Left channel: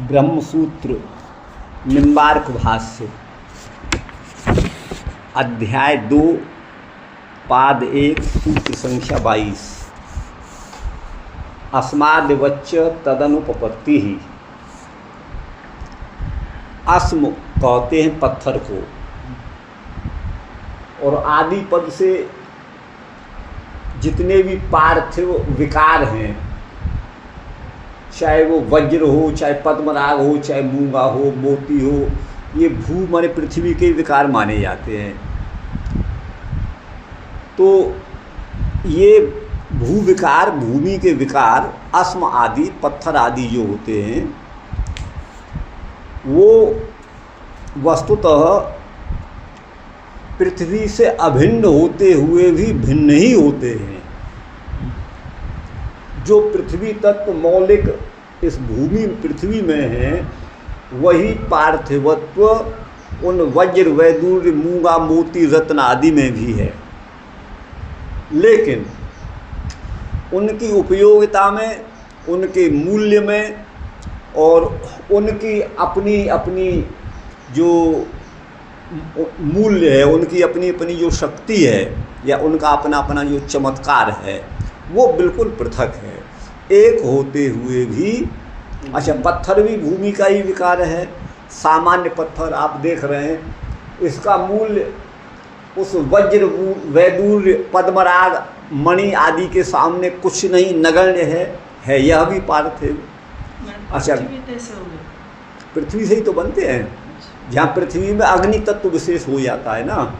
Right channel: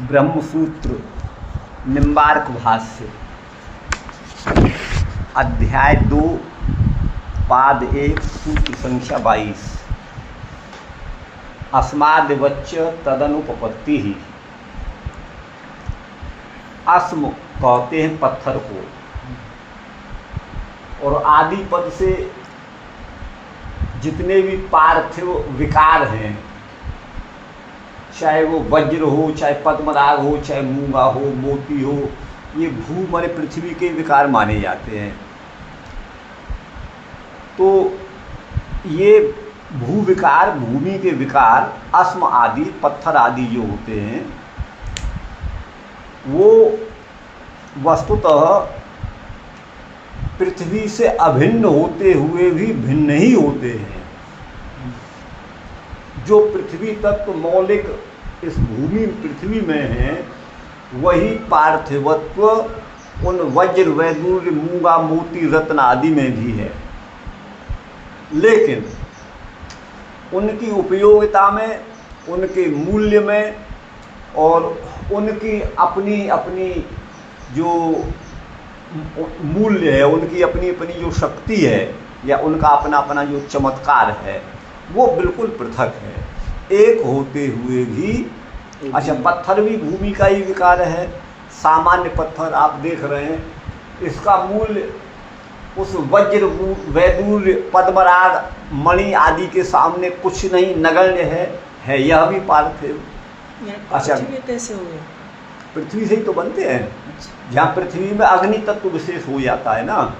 ब्रह्मसूत्र निम्बार्क भाष्य अध्याय 2 पाद 1 सूत्र संख्या 22। अस्माद्वच्च तदनुपपत्ति ही। अस्म कहते हैं पत्थर को, और आदि पद से जितने भी पार्थिव विकार हैं, चाहे वो वज्र हो, चाहे पद्मराग हो, चाहे मूंगा हो, मोती हो, ये भू माने पृथ्वी के विकार माने जाते हैं। तो ये भू विकार, भूमि के विकार, अस्म आदि पत्थर आदि जो होते हैं, वो वस्तुतः पृथ्वी से अभिन्न होते हुए भी भिन्न ही होते हैं। जो पृथ्वी तत्व मौलिक इस भूमि पृथ्वी में है, वही पार्थिवत्व उन वज्र वैदूर्य मूंगा मोती रत्न आदि में भी है। लेकिन उनकी उपयोगिता में, उनके मूल्य में और उनकी अपनी अपनी जो मूल्य है, उनकी अपनी अपनी जो शक्ति है या उनका अपना अपना जो चमत्कार है, वो बिल्कुल पृथक है। एक होते हुए भी, अच्छा पत्थर भी भूमि का ही विकार है। सामान्य पत्थर आप देख रहे हैं, इसका मूल्य उस वज्र वैदूर्य पद्मराग मणि आदि के सामने कुछ नहीं, नगण्य है यह भी पार्थिव। अच्छा पृथ्वी से ही तो बनते हैं। जहाँ पृथ्वी में अग्नि तत्व विशेष हो जाता है ना,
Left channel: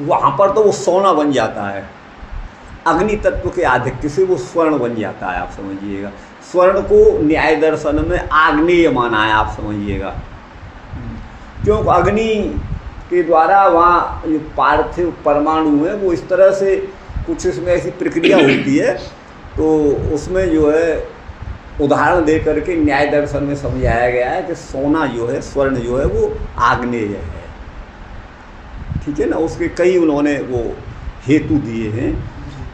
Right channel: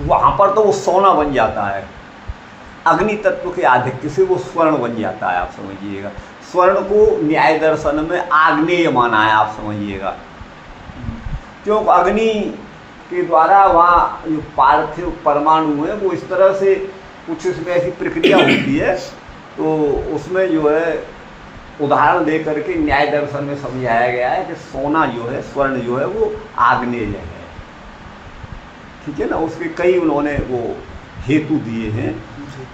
वहाँ पर तो वो सोना बन जाता है। अग्नि तत्व के आधिक्य से वो स्वर्ण बन जाता है, आप समझिएगा। स्वर्ण को न्याय दर्शन में आग्नेय माना है, आप समझिएगा। क्योंकि अग्नि के द्वारा वहाँ जो पार्थिव परमाणु है, वो इस तरह से कुछ इसमें ऐसी प्रक्रिया होती है, तो उसमें जो है उदाहरण दे करके न्याय दर्शन में समझाया गया है कि सोना जो है, स्वर्ण जो है, वो आग्नेय है। ठीक है ना, उसके कई उन्होंने वो हेतु दिए हैं।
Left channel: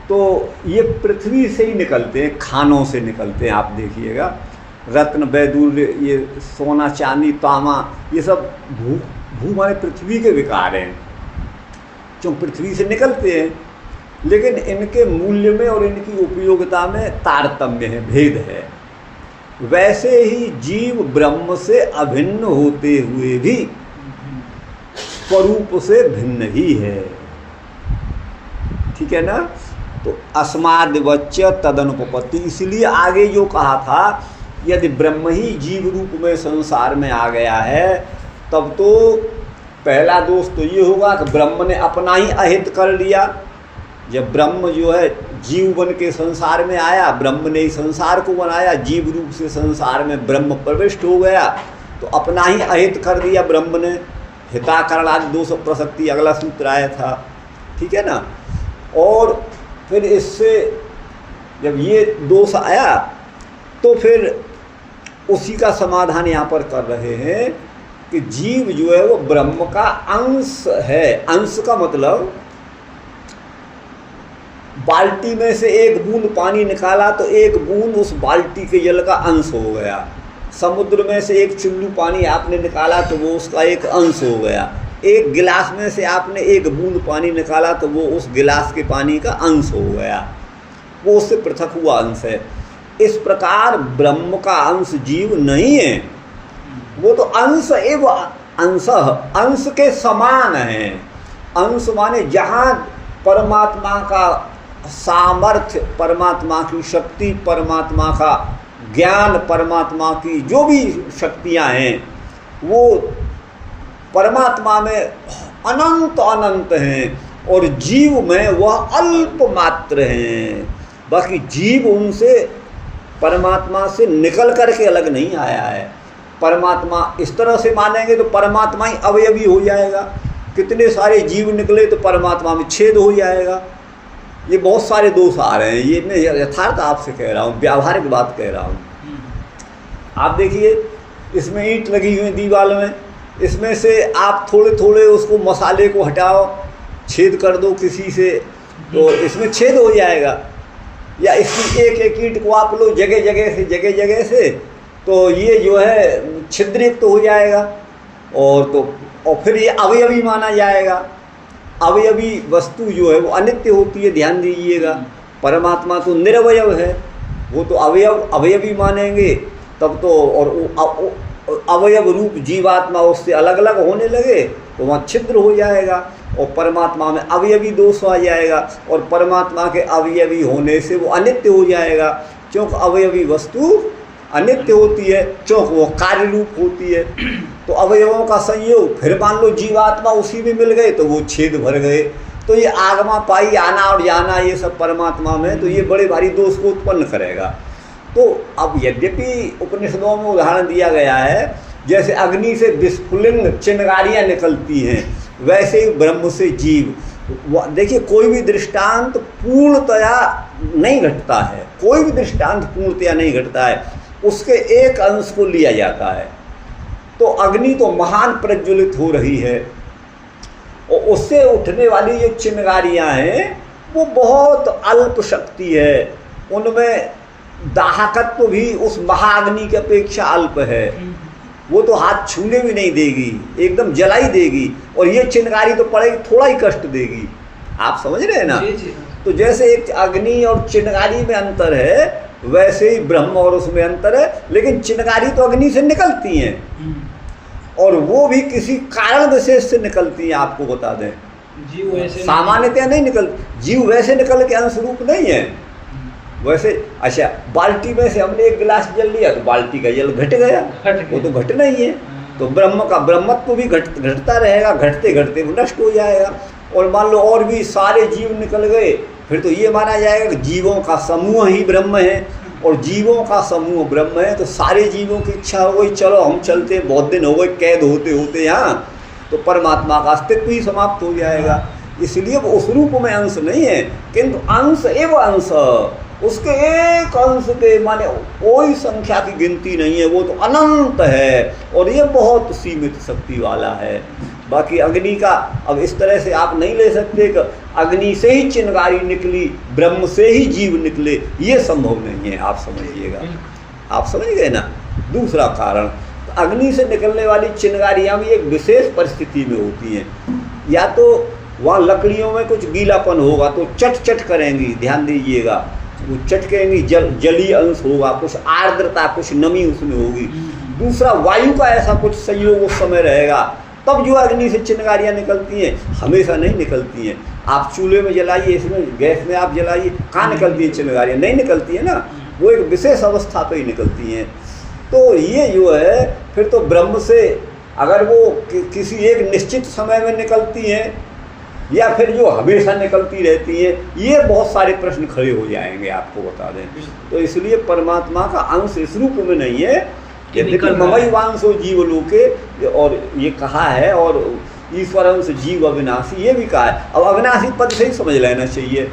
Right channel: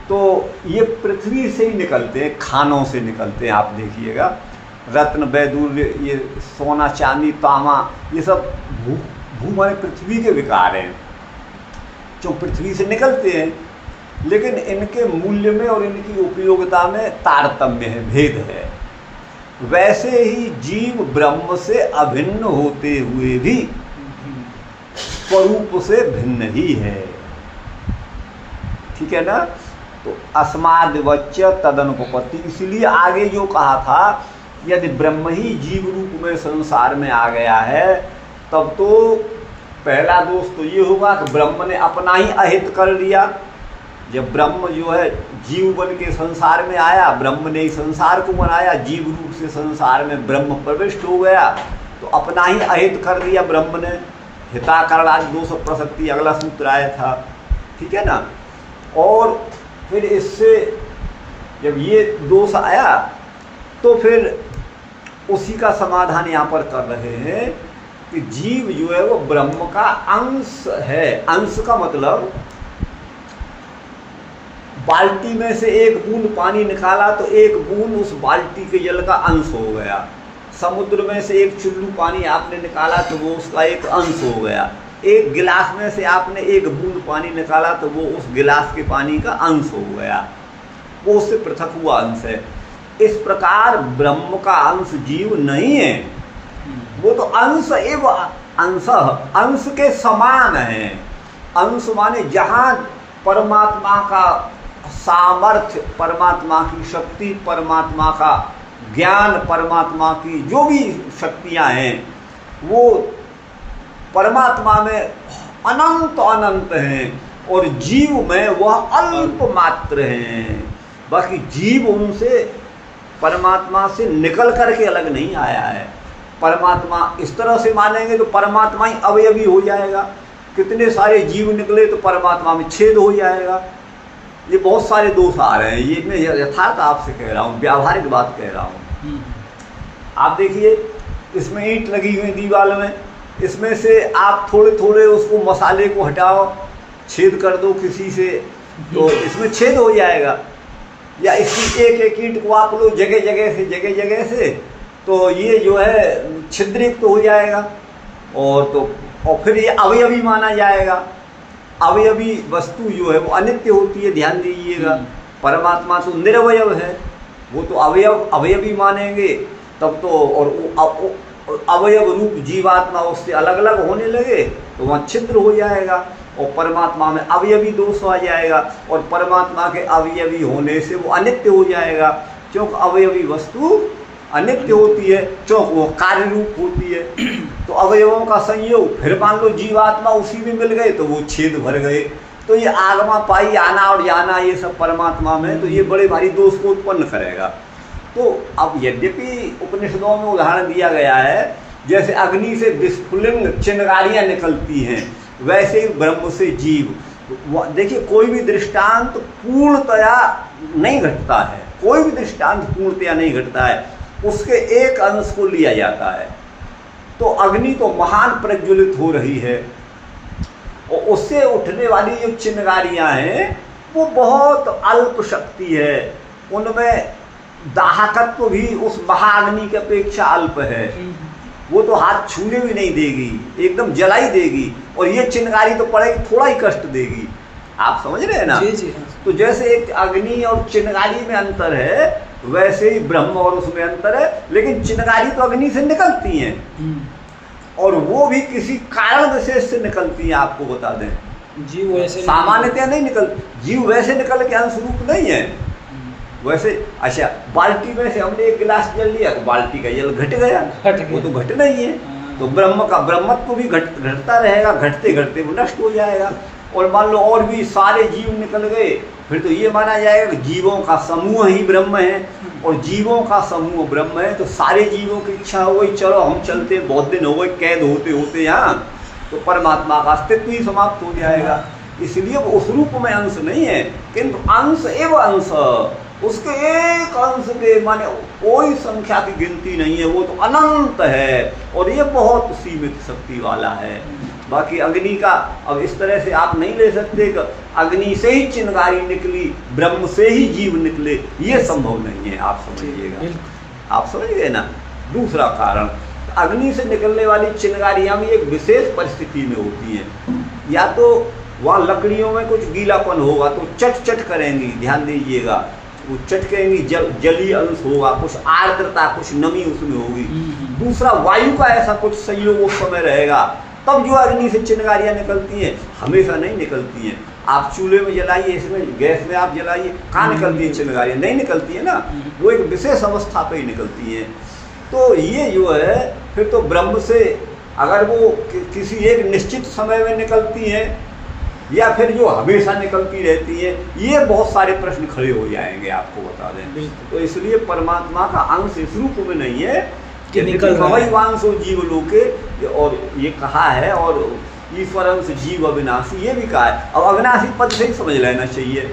तो ये पृथ्वी से ही निकलते हैं, खानों से निकलते हैं। आप देखिएगा रत्न वैदूर्य, ये सोना चांदी तांबा, ये सब भू माने पृथ्वी के विकार हैं, जो पृथ्वी से निकलते हैं। लेकिन इनके मूल्य में और इनकी उपयोगिता में तारतम्य है, भेद है। वैसे ही जीव ब्रह्म से अभिन्न होते हुए भी स्वरूप से भिन्न ही है। ठीक है ना। तो अस्माद्वच्च तदनुपपत्ति, इसलिए आगे जो कहा था, यदि ब्रह्म ही जीव रूप में संसार में आ गया है, तब तो पहला दोष तो ये होगा कि ब्रह्म ने अपना ही अहित कर लिया। जब ब्रह्म जो है जीव बन के संसार में आया, ब्रह्म ने ही संसार को बनाया, जीव रूप से संसार में ब्रह्म प्रविष्ट हो गया, तो अपना ही अहित कर दिया ब्रह्म ने। हिताकरणादि दोष प्रसक्ति अगला सूत्र आया था। ठीक है ना। और फिर इससे जब ये दोष आया, तो फिर उसी का समाधान यहाँ पर कर रहे हैं कि जीव जो है वो ब्रह्म का अंश है। अंश का मतलब बाल्टी में से एक बूंद पानी निकाला तो एक बूंद उस बाल्टी के जल का अंश हो गया। समुद्र में से एक चुल्लू पानी आपने निकाला तो वो उसका एक अंश हो गया। एक गिलास में से आपने एक बूंद पानी निकाला तो वो उस गिलास के पानी का अंश हो गया, वो उससे पृथक हुआ अंश है। इस प्रकार ब्रह्म का अंश जीव नहीं है, वो तो अंश एवं अंश, अंश के समान है। अंश माने जहाँ परमात्मा का सामर्थ्य, परमात्मा की शक्ति, परमात्मा का ज्ञान, परमात्मा की जो भी शक्तियाँ हैं, वो परमात्मा में अनंत अनंत हैं, और जीव में वह अल्प मात्र हैं। बाकी जीव उनसे, परमात्मा से निकल करके अलग नहीं आया है। परमात्मा इस तरह से मानेंगे तो परमात्मा ही अवयवी हो जाएगा। कितने सारे जीव निकले तो परमात्मा में छेद हो जाएगा। ये बहुत सारे दोष आ रहे हैं। ये मैं यथार्थ आपसे कह रहा हूँ, व्यावहारिक बात कह रहा हूँ। आप देखिए, इसमें ईंट लगी हुई दीवार में, इसमें से आप थोड़े थोड़े उसको मसाले को हटाओ, छेद कर दो किसी से, तो इसमें छेद हो जाएगा। या इसकी एक एक ईंट को आप लो जगह जगह से तो ये जो है छिद्रयुक्त हो जाएगा, और फिर ये अवयवी माना जाएगा। अवयवी वस्तु जो है वो अनित्य होती है, ध्यान दीजिएगा। परमात्मा तो निरवयव है, वो तो अवयवी मानेंगे तब तो, और अवयव रूप जीवात्मा उससे अलग अलग होने लगे तो वहाँ छिद्र हो जाएगा, और परमात्मा में अवयवी दोष आ जाएगा, और परमात्मा के अवयवी होने से वो अनित्य हो जाएगा। क्योंकि अवयवी वस्तु अनित्य होती है, क्योंकि वो कार्य रूप होती है। तो अवयवों का संयोग, फिर मान लो जीवात्मा उसी में मिल गए तो वो छेद भर गए, तो ये आगमा पाई आना और जाना ये सब परमात्मा में, तो ये बड़े भारी दोष को उत्पन्न करेगा। तो अब यद्यपि उपनिषदों में उदाहरण दिया गया है, जैसे अग्नि से विस्फुलिंग चिंगारियाँ निकलती हैं, वैसे ही ब्रह्म से जीव। देखिए कोई भी दृष्टांत पूर्णतया नहीं घटता है, कोई भी दृष्टांत पूर्णतया नहीं घटता है, उसके एक अंश को लिया जाता है। तो अग्नि तो महान प्रज्वलित हो रही है, और उससे उठने वाली जो चिंगारियाँ हैं वो बहुत अल्प शक्ति है, उनमें दाहकत्व भी उस महाअग्नि की अपेक्षा अल्प है, वो तो हाथ छूने भी नहीं देगी, एकदम जलाई देगी, और ये चिंगारी तो पड़ेगी थोड़ा ही कष्ट देगी। आप समझ रहे हैं ना? जी जी। तो जैसे एक अग्नि और चिंगारी में अंतर है, वैसे ही ब्रह्म और उसमें अंतर है। लेकिन चिंगारी तो अग्नि से निकलती हैं, और वो भी किसी कारण विशेष से निकलती हैं। आपको बता दें, जीव वैसे सामान्यतः नहीं निकलती, जीव वैसे निकल के अंश रूप नहीं है वैसे। अच्छा, बाल्टी में से हमने एक गिलास जल लिया तो बाल्टी का जल घट गया, वो तो घट नहीं है। तो ब्रह्म का ब्रह्मत्व भी घटता रहेगा, घटते घटते वो नष्ट हो जाएगा। और मान लो और भी सारे जीव निकल गए, फिर तो ये माना जाएगा कि जीवों का समूह ही ब्रह्म है, और जीवों का समूह ब्रह्म है। तो सारे जीवों की इच्छा हो गई, चलो हम चलते, बहुत दिन हो गए कैद होते होते यहाँ, तो परमात्मा का अस्तित्व ही समाप्त हो जाएगा। इसलिए वो उस रूप में अंश नहीं है, किंतु अंश एवं अंश, उसके एक अंश के माने कोई संख्या की गिनती नहीं है, वो तो अनंत है, और ये बहुत सीमित शक्ति वाला है। बाकी अग्नि का अब इस तरह से आप नहीं ले सकते कि अग्नि से ही चिंगारी निकली, ब्रह्म से ही जीव निकले, ये संभव नहीं है। आप समझिएगा, आप समझ गए ना? दूसरा कारण, अग्नि से निकलने वाली चिंगारियाँ भी एक विशेष परिस्थिति में होती हैं। या तो वहाँ लकड़ियों में कुछ गीलापन होगा तो चट चट करेंगी, ध्यान दीजिएगा, वो चटकेंगी, जलीय अंश होगा, कुछ आर्द्रता, कुछ नमी उसमें होगी। दूसरा, वायु का ऐसा कुछ संयोग उस समय रहेगा, तब जो अग्नि से चिंगारियाँ निकलती हैं, हमेशा नहीं निकलती हैं। आप चूल्हे में जलाइए, इसमें गैस में आप जलाइए, कहाँ निकलती हैं चिंगारियाँ? नहीं निकलती है ना, वो एक विशेष अवस्था पे ही निकलती हैं। तो ये जो है, फिर तो ब्रह्म से अगर वो किसी एक निश्चित समय में निकलती हैं, या फिर जो हमेशा निकलती रहती है, ये बहुत सारे प्रश्न खड़े हो जाएंगे, आपको बता दें। तो इसलिए परमात्मा का अंश इस रूप में नहीं है कि ममैवांशो जीवलोके, और ये कहा है, और ईश्वरंश जीव अविनाशी, ये भी कहा है। अब अविनाशी पद से ही समझ लेना चाहिए।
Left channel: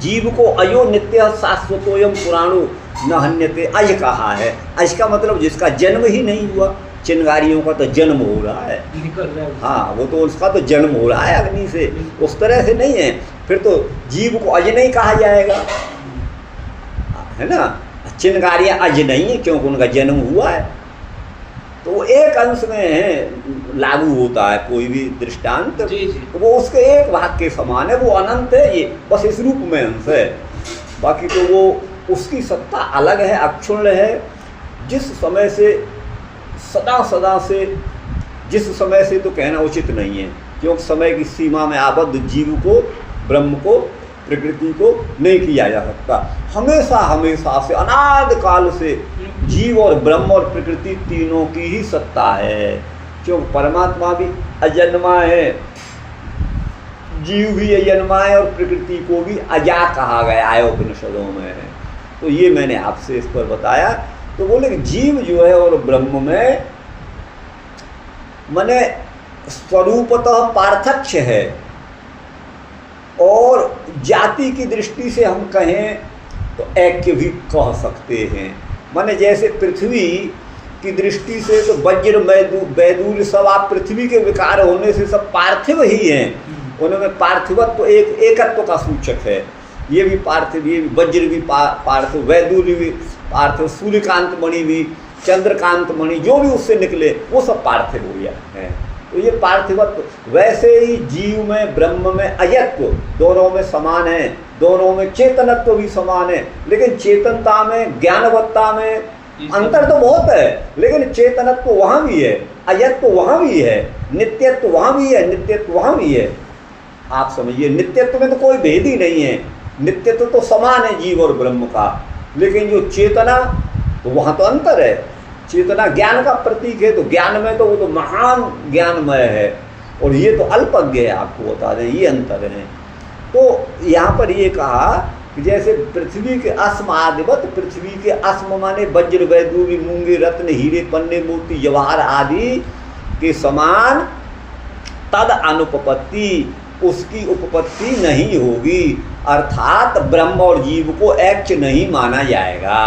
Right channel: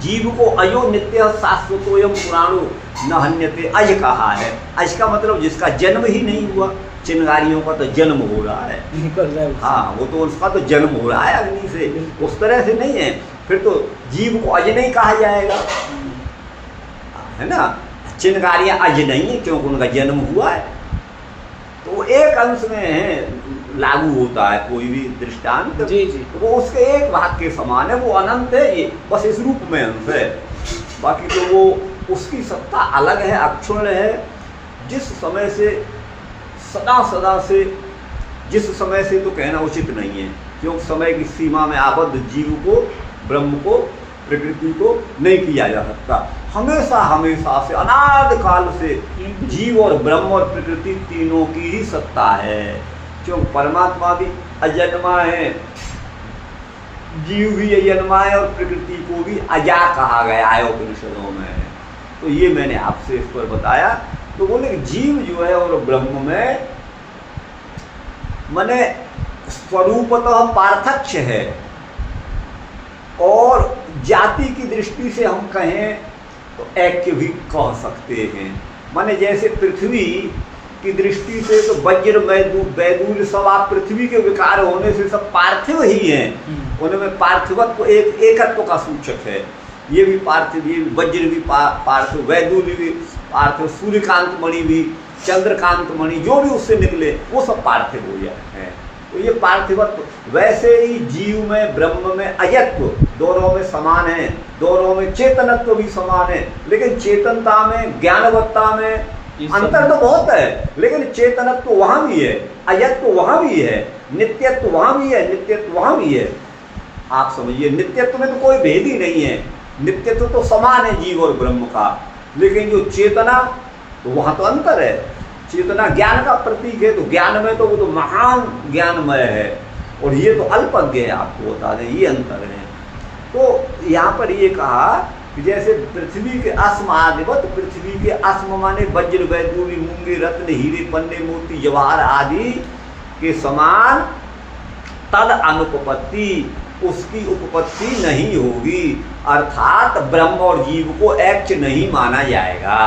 जीव को अयो नित्य शाश्वतोयम पुराणो न हन्यते, अज कहा है। अज का मतलब जिसका जन्म ही नहीं हुआ। चिंगारियों का तो जन्म हो रहा है, निकल रहा है। हाँ, वो तो उसका तो जन्म हो रहा है अग्नि से, उस तरह से नहीं है। फिर तो जीव को अज नहीं कहा जाएगा, है ना? चिंगारियाँ अज नहीं है क्योंकि उनका जन्म हुआ है। तो एक अंश में लागू होता है कोई भी दृष्टांत, जी जी। तो वो उसके एक भाग के समान है, वो अनंत है, ये बस इस रूप में अंश है। बाकी तो वो उसकी सत्ता अलग है, अक्षुण्ण है। जिस समय से सदा सदा से, जिस समय से तो कहना उचित नहीं है, क्योंकि समय की सीमा में आबद्ध जीव को, ब्रह्म को, प्रकृति को नहीं किया जा सकता। हमेशा हमेशा से, अनादि काल से जीव और ब्रह्म और प्रकृति तीनों की ही सत्ता है। क्योंकि परमात्मा भी अजन्मा है, जीव भी अजन्मा है, और प्रकृति को भी अजा कहा गया है उपनिषदों में। तो ये मैंने आपसे इस पर बताया। तो बोले कि जीव जो है और ब्रह्म में माने स्वरूपतः पार्थक्य है, और जाति की दृष्टि से हम कहें तो ऐक्य भी कह सकते हैं। माने जैसे पृथ्वी की दृष्टि से तो वज्र वैदूर्य सब, आप पृथ्वी के विकार होने से सब पार्थिव ही हैं, उनमें पार्थिवत्व एक एकत्व का सूचक है। ये भी पार्थिव, ये वज्र भी पार्थिव, वैदूर्य भी पार्थिव, सूर्यकांत मणि भी चंद्रकांत मणि जो भी उससे निकले वो सब पार्थिव हो जाते हैं। तो ये पार्थिवत्व, वैसे ही जीव में ब्रह्म में अयत्व, दोनों में समान है, दोनों में चेतनत्व भी समान है, लेकिन चेतनता में ज्ञानवत्ता में अंतर तो बहुत है, लेकिन चेतनत्व वहाँ भी है, अयत्व वहाँ भी है, नित्यत्व वहाँ भी है, नित्यत्व वहाँ भी है। आप समझिए, नित्यत्व में तो कोई भेद ही नहीं है, नित्यत्व तो समान है जीव और ब्रह्म का, लेकिन जो चेतना तो वहाँ तो अंतर है। चेतना ज्ञान का प्रतीक है, तो ज्ञान में तो वो तो महान ज्ञानमय है, और ये तो अल्पज्ञ है, आपको बता दें, ये अंतर है। तो यहाँ पर ये कहा कि जैसे पृथ्वी के अस्म आदिवत, पृथ्वी के अस्म माने वज्र वैदूर्य मूंगे रत्न हीरे पन्ने मोती जवाहर आदि के समान तद अनुपपत्ति, उसकी उपपत्ति नहीं होगी, अर्थात ब्रह्म और जीव को ऐक्य नहीं माना जाएगा,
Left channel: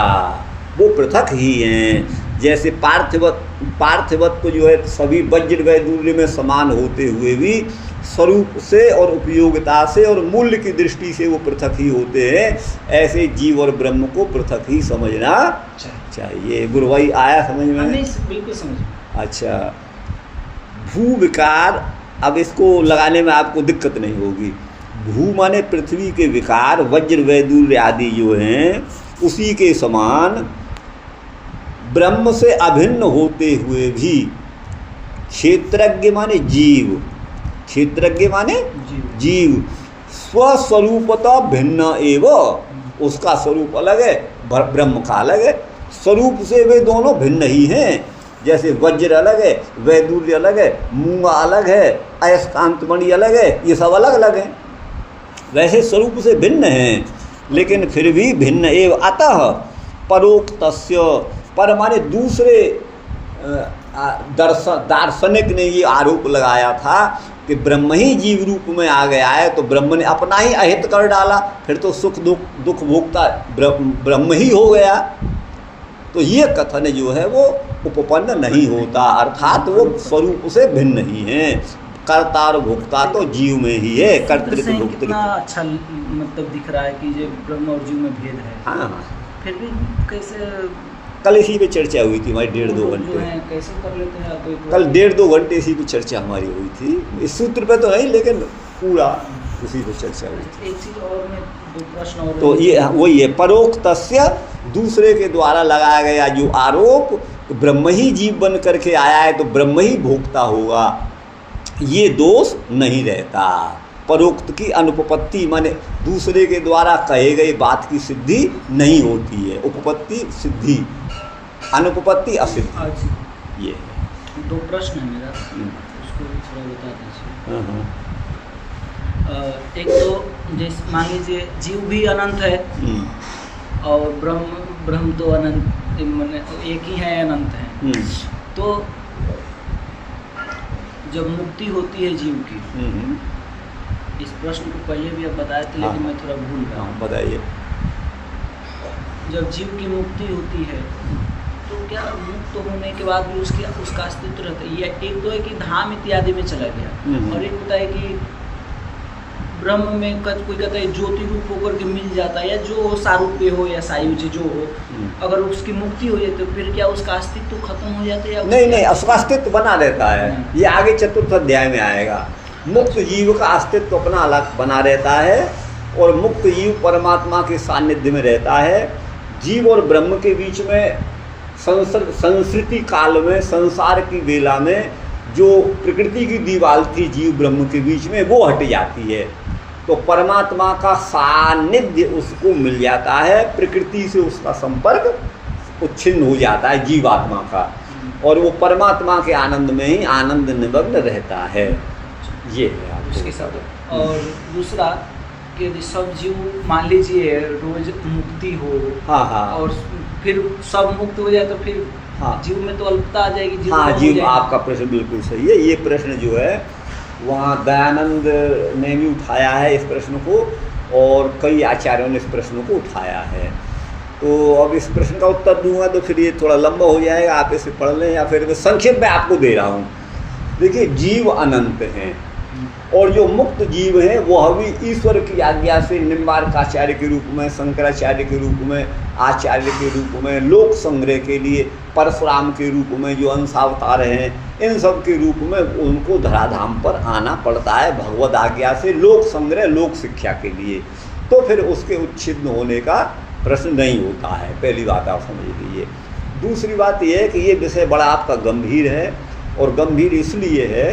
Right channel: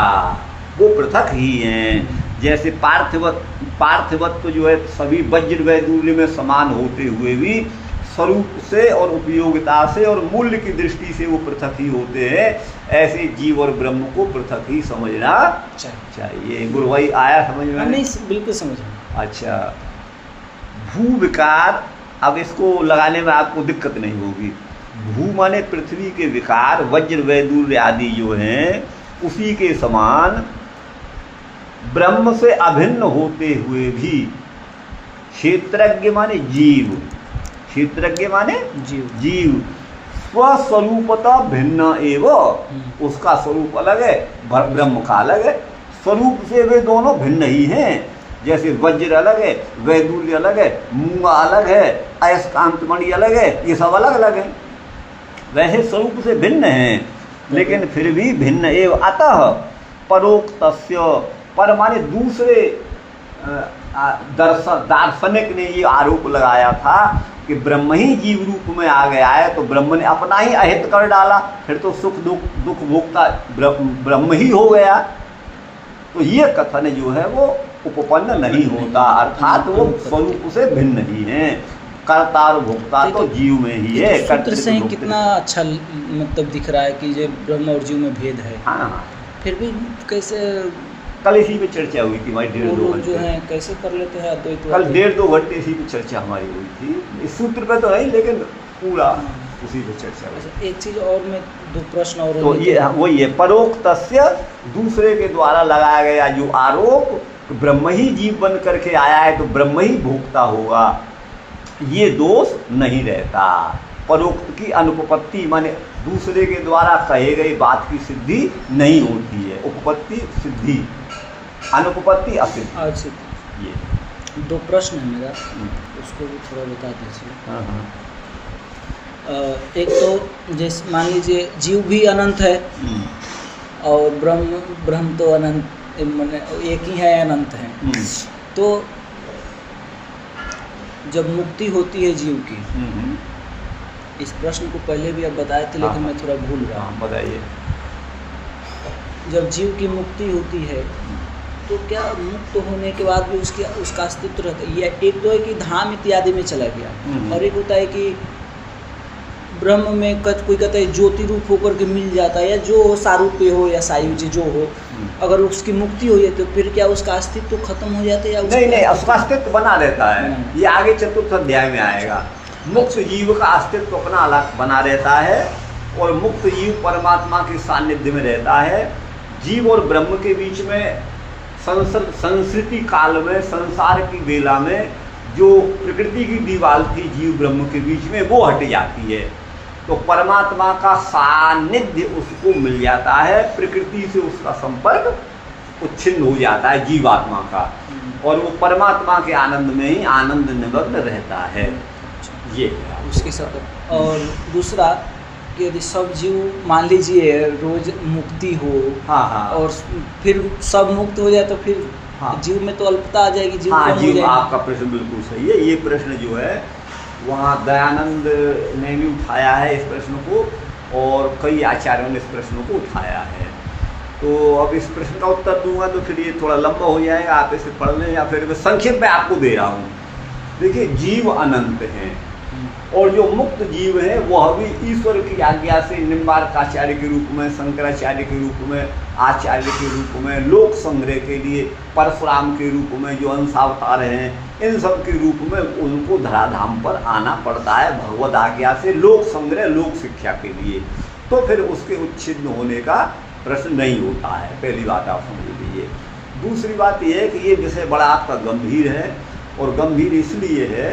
वो पृथक ही हैं। जैसे पार्थिवत्व जो है सभी वज्र वैदूर्य में समान होते हुए भी स्वरूप से और उपयोगिता से और मूल्य की दृष्टि से वो पृथक ही होते हैं, ऐसे जीव और ब्रह्म को पृथक ही समझना चाहिए। गुरु भाई आया समझ में? नहीं, बिल्कुल समझ। अच्छा, भू विकार, अब इसको लगाने में आपको दिक्कत नहीं होगी। भू माने पृथ्वी के विकार, वज्र वैदूर्य आदि जो हैं उसी के समान ब्रह्म से अभिन्न होते हुए भी क्षेत्रज्ञ माने जीव, क्षेत्रज्ञ माने जीव स्वस्वरूपता भिन्न एवं, उसका स्वरूप अलग है, ब्रह्म का अलग है, स्वरूप से वे दोनों भिन्न ही हैं। जैसे वज्र अलग है, वैदूर्य अलग है, मूंगा अलग है, अयस्कांत मणि अलग है, ये सब अलग अलग हैं, वैसे स्वरूप से भिन्न हैं, लेकिन फिर भी भिन्न एवं। अतः परोक्तस्य, पर माने दूसरे दार्शनिक ने ये आरोप लगाया था कि ब्रह्म ही जीव रूप में आ गया है, तो ब्रह्म ने अपना ही अहित कर डाला, फिर तो सुख दुख भोक्ता ब्रह्म ही हो गया। तो ये कथन जो है वो उपपन्न नहीं होता, अर्थात वो स्वरूप से भिन्न ही हैं। कर्ता और भोक्ता तो जीव में ही है। कर्तृत्व कितना अच्छा मतलब दिख रहा है कि ये ब्रह्म और जीव में भेद है। हाँ, फिर भी कैसे कल इसी पे चर्चा हुई थी हमारी 1.5-2 घंटे, कैसे कर लेते हैं अद्वैत? कल 1.5-2 घंटे इसी पे चर्चा हमारी हुई थी, इस सूत्र पे तो नहीं, लेकिन पूरा उसी पे चर्चा हुई थी। एक चीज़ और में 2 प्रश्न और, तो ये वही है, परोक्तस्य, दूसरे के द्वारा लगाया गया जो आरोप ब्रह्म ही जीव बन करके आया है तो ब्रह्म ही भोक्ता होगा, ये दोष नहीं रहता। परोक्त की अनुपपत्ति माने दूसरे के द्वारा कहे गई बात की सिद्धि नहीं होती है, उपपत्ति सिद्धि, अनुपपत्ति असिद्धि। ये 2 प्रश्न है मेरा, उसको भी थोड़ा बता दीजिए। एक तो जैसे मान लीजिए जीव भी अनंत है और ब्रह्म तो अनंत, माने एक ही है, अनंत है। तो जब मुक्ति होती है जीव की, इस प्रश्न को पहले भी आप बताए थे, लेकिन मैं थोड़ा भूल गया। बताइए। जब जीव की मुक्ति होती है तो क्या मुक्त होने के बाद भी उसका अस्तित्व रहता है? ये एक तो है कि धाम इत्यादि में चला गया, और एक होता है कि ब्रह्म में कोई कहता है ज्योति रूप होकर के मिल जाता है, या जो सारूप्य हो या सायुज जो हो, अगर उसकी मुक्ति हो जाए तो फिर क्या उसका अस्तित्व खत्म हो जाता है या नहीं, उसका अस्तित्व बना रहता है। ये आगे 4th अध्याय में आएगा। मुक्त जीव का अस्तित्व अपना अलग बना रहता है, और मुक्त जीव परमात्मा के सानिध्य में रहता है। जीव और ब्रह्म के बीच में संस्कृति काल में, संसार की बेला में जो प्रकृति की दीवार थी जीव ब्रह्म के बीच में, वो हट जाती है, तो परमात्मा का सानिध्य उसको मिल जाता है, प्रकृति से उसका संपर्क उच्छिन्न हो जाता है जीवात्मा का, और वो परमात्मा के आनंद में ही आनंद निमग्न रहता है। ये है उसके साथ। और दूसरा कि यदि सब जीव मान लीजिए रोज मुक्ति हो, और फिर सब मुक्त हो जाए तो फिर जीव में तो अल्पता आ जाएगी, जीव आपका प्रश्न बिल्कुल सही है। ये प्रश्न जो है वहाँ दयानंद ने भी उठाया है इस प्रश्न को, और कई आचार्यों ने इस प्रश्न को उठाया है। तो अब इस प्रश्न का उत्तर दूंगा तो फिर ये थोड़ा लंबा हो जाएगा, आप इसे पढ़ लें, या फिर मैं संक्षेप में आपको दे रहा हूँ। देखिए, जीव अनंत हैं, और जो मुक्त जीव है वह भी ईश्वर की आज्ञा से निम्बार्काचार्य के रूप में, शंकराचार्य के रूप में, आचार्य के रूप में, लोक संग्रह के लिए परशुराम के रूप में जो अंशावतार हैं, इन सब के रूप में उनको धराधाम पर आना पड़ता है भगवद आज्ञा से, लोक संग्रह, लोक शिक्षा के लिए। तो फिर उसके उच्छिन्न होने का प्रश्न नहीं होता है। पहली बात आप समझ लीजिए। दूसरी बात यह है कि ये विषय बड़ा आपका गंभीर है, और गंभीर इसलिए है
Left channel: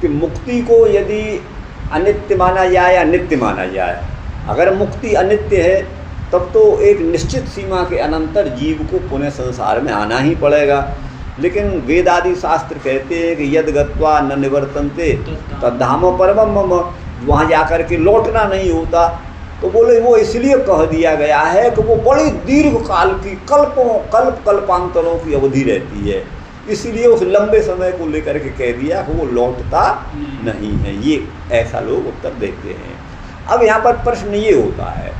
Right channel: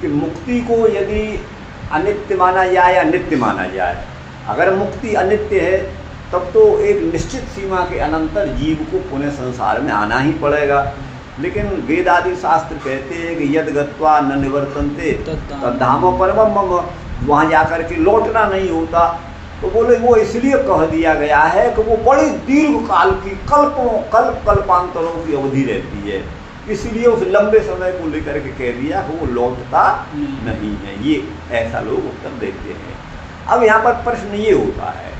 कि मुक्ति को यदि अनित्य माना जाए या नित्य माना जाए, अगर मुक्ति अनित्य है तब तो एक निश्चित सीमा के अनंतर जीव को पुनः संसार में आना ही पड़ेगा। लेकिन वेद आदि शास्त्र कहते हैं कि यद गत्वा न निवर्तन्ते तद्धाम परमम मम, वहाँ जाकर के लौटना नहीं होता। तो बोले वो इसलिए कह दिया गया है कि वो बड़ी दीर्घ काल की कल्पांतरों की अवधि रहती है, इसलिए उस लंबे समय को लेकर के कह दिया कि वो लौटता नहीं है। ये ऐसा लोग उत्तर देते हैं। अब यहाँ पर प्रश्न ये होता है,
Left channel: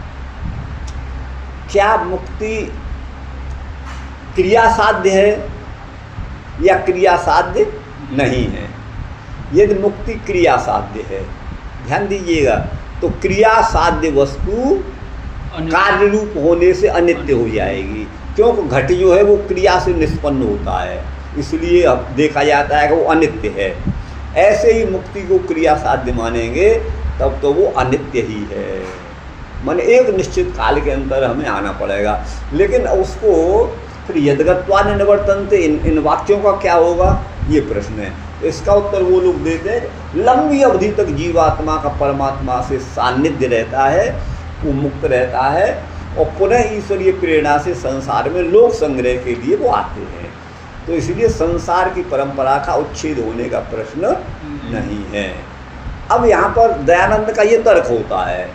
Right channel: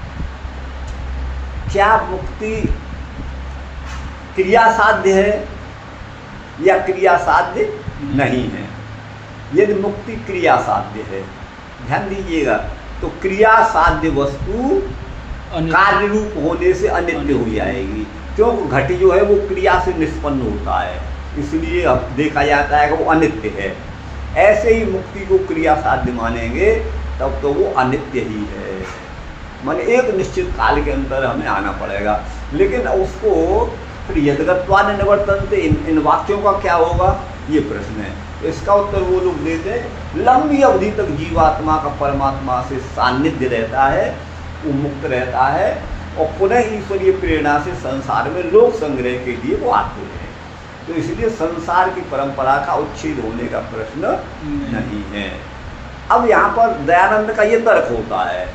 क्या मुक्ति क्रिया साध्य है या क्रिया साध्य नहीं है? यदि मुक्ति क्रिया साध्य है, ध्यान दीजिएगा, तो क्रिया साध्य वस्तु कार्य रूप होने से अनित्य हो जाएगी, क्योंकि घट जो है वो क्रिया से निष्पन्न होता है, इसलिए अब देखा जाता है कि वो अनित्य है। ऐसे ही मुक्ति को क्रिया साध्य मानेंगे तब तो वो अनित्य ही है, माने एक निश्चित काल के अंदर हमें आना पड़ेगा। लेकिन उसको फिर यदगत्वा न निवर्तन्ते, इन वाक्यों का क्या होगा, ये प्रश्न है। इसका उत्तर वो लोग देते हैं, लंबी अवधि तक जीवात्मा का परमात्मा से सान्निध्य रहता है, वो मुक्त रहता है, और पुनः ईश्वरीय प्रेरणा से संसार में लोक संग्रह के लिए वो आते हैं। तो इसलिए संसार की परंपरा का उच्छेद होने का प्रश्न नहीं है। अब यहाँ पर दयानंद का ये तर्क होता है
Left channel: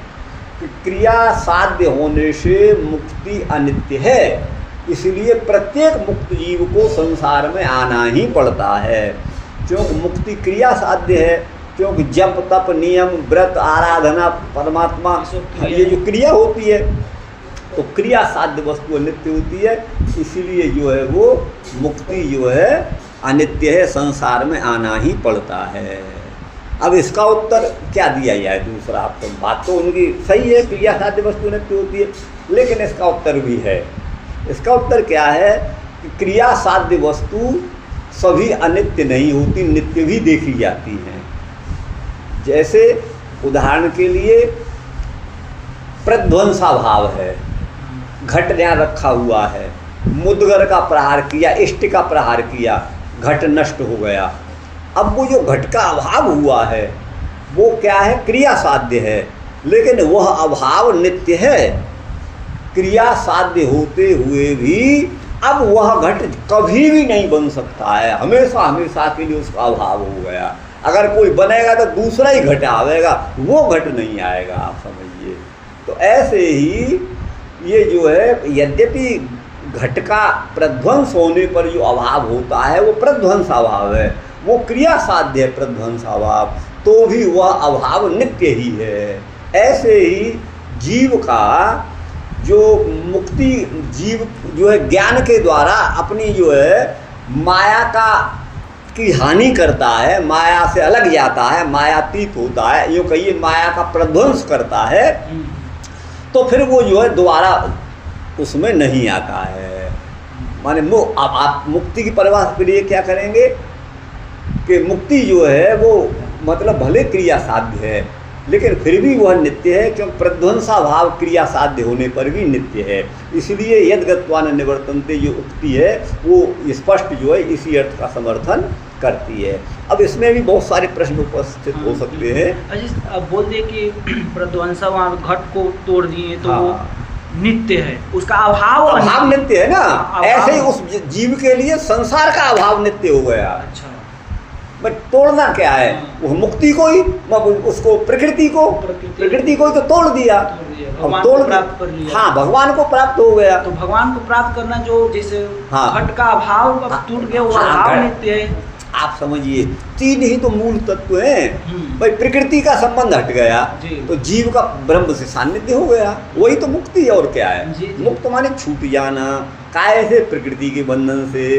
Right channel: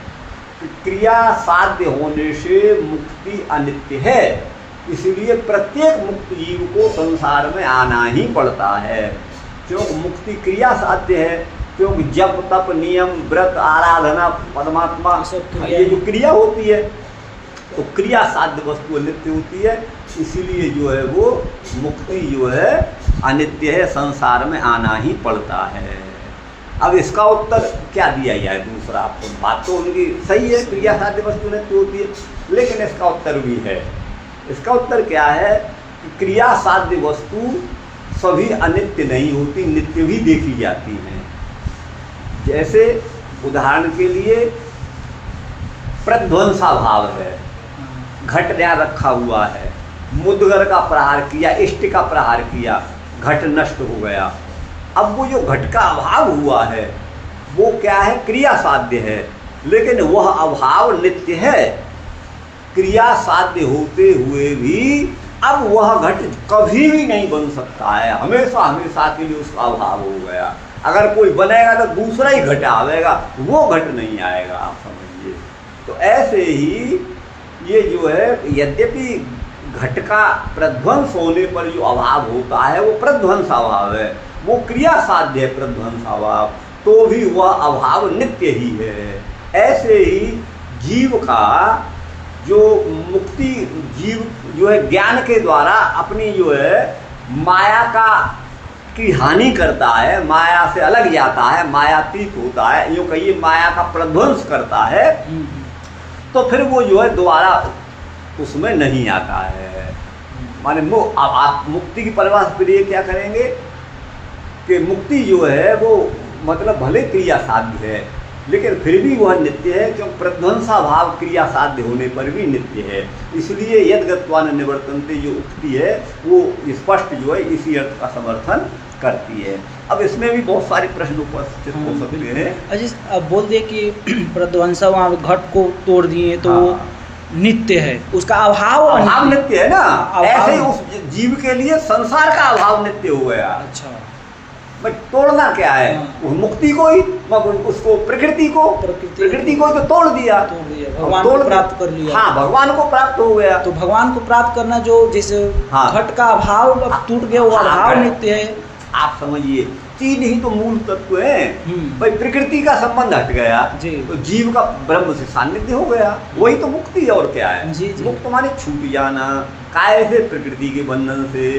कि क्रिया साध्य होने से मुक्ति अनित्य है, इसलिए प्रत्येक मुक्त जीव को संसार में आना ही पड़ता है। क्योंकि मुक्ति क्रिया साध्य है, क्योंकि जप तप नियम व्रत आराधना परमात्मा ये जो क्रिया होती है, तो क्रिया साध्य वस्तु अनित्य होती है, इसीलिए जो है वो मुक्ति जो है अनित्य है, संसार में आना ही पड़ता है। अब इसका उत्तर क्या दिया जाए दूसरा? आपको बात तो उनकी सही है, क्रिया साध्य वस्तु अनित्य होती है, लेकिन इसका उत्तर भी है। इसका उत्तर क्या है कि क्रिया साध्य वस्तु सभी अनित्य नहीं होती, नित्य भी देखी जाती हैं। जैसे उदाहरण के लिए प्रध्वंसा भाव है, घट यहाँ रखा हुआ है, मुद्गर का प्रहार किया, इष्ट का प्रहार किया, घट नष्ट हो गया। अब वो जो घट का अभाव हुआ है वो क्या है, क्रिया साध्य है, लेकिन वह अभाव नित्य है। क्रिया साध्य होते हुए भी अब वह घट कभी भी नहीं बन सकता है, हमेशा हमेशा के लिए उसका अभाव हो गया। अगर कोई बनेगा तो दूसरा ही घट आवेगा, वो घट नहीं आएगा, आप समझिए। तो ऐसे ही ये जो है, यद्यपि घट का प्रध्वंस होने पर जो अभाव होता है वो प्रध्वंसाभाव है, वो क्रिया साध्य है प्रध्वंसाभाव, तो भी वह अभाव नित्य ही है। ऐसे ही जीव का जो मुक्ति, जीव जो है ज्ञान के द्वारा अपनी जो है माया की हानि करता है, माया से अलग जाता है, मायातीत होता है, यूँ कहिए माया का प्रध्वंस करता है, तो फिर वो जो है दोबारा उसमें नहीं आता है। माने आप मुक्ति की परिभाषा के लिए क्या करेंगे कि मुक्ति जो है वो मतलब भले क्रिया साध्य है, लेकिन फिर भी वह नित्य है, क्योंकि प्रध्वंसा भाव क्रिया साध्य होने पर भी नित्य है। इसलिए यद्गत्वा न निवर्तन्ते जो उक्ति है वो स्पष्ट जो है इसी अर्थ का समर्थन करती है। अब इसमें भी बहुत सारे प्रश्न उपस्थित हो सकते हैं। अजी अब बोल दिए कि प्रध्वंसा वहाँ घट को तोड़ दिए तो वो नित्य है, उसका अभाव नित्य है ना, ऐसे ही उस जीव के लिए संसार का अभाव नित्य हो गया। अच्छा, बट तोड़ना क्या है, वो मुक्ति को ही, उसको प्रकृति को तो तोड़ दिया, भगवान को प्राप्त कर लिया। हाँ, भगवान को प्राप्त हो गया। तो भगवान को प्राप्त करना जो जैसे घट का अभाव टूट गया, वो अभाव नित्य है। आप समझिए, तीन ही तो मूल तत्व हैं। भाई प्रकृति का संबंध हट गया तो जीव का ब्रह्म से सान्निध्य हो गया, वही तो मुक्ति और क्या है। मुक्त माने छूट जाना, काय से, प्रकृति के बंधन से,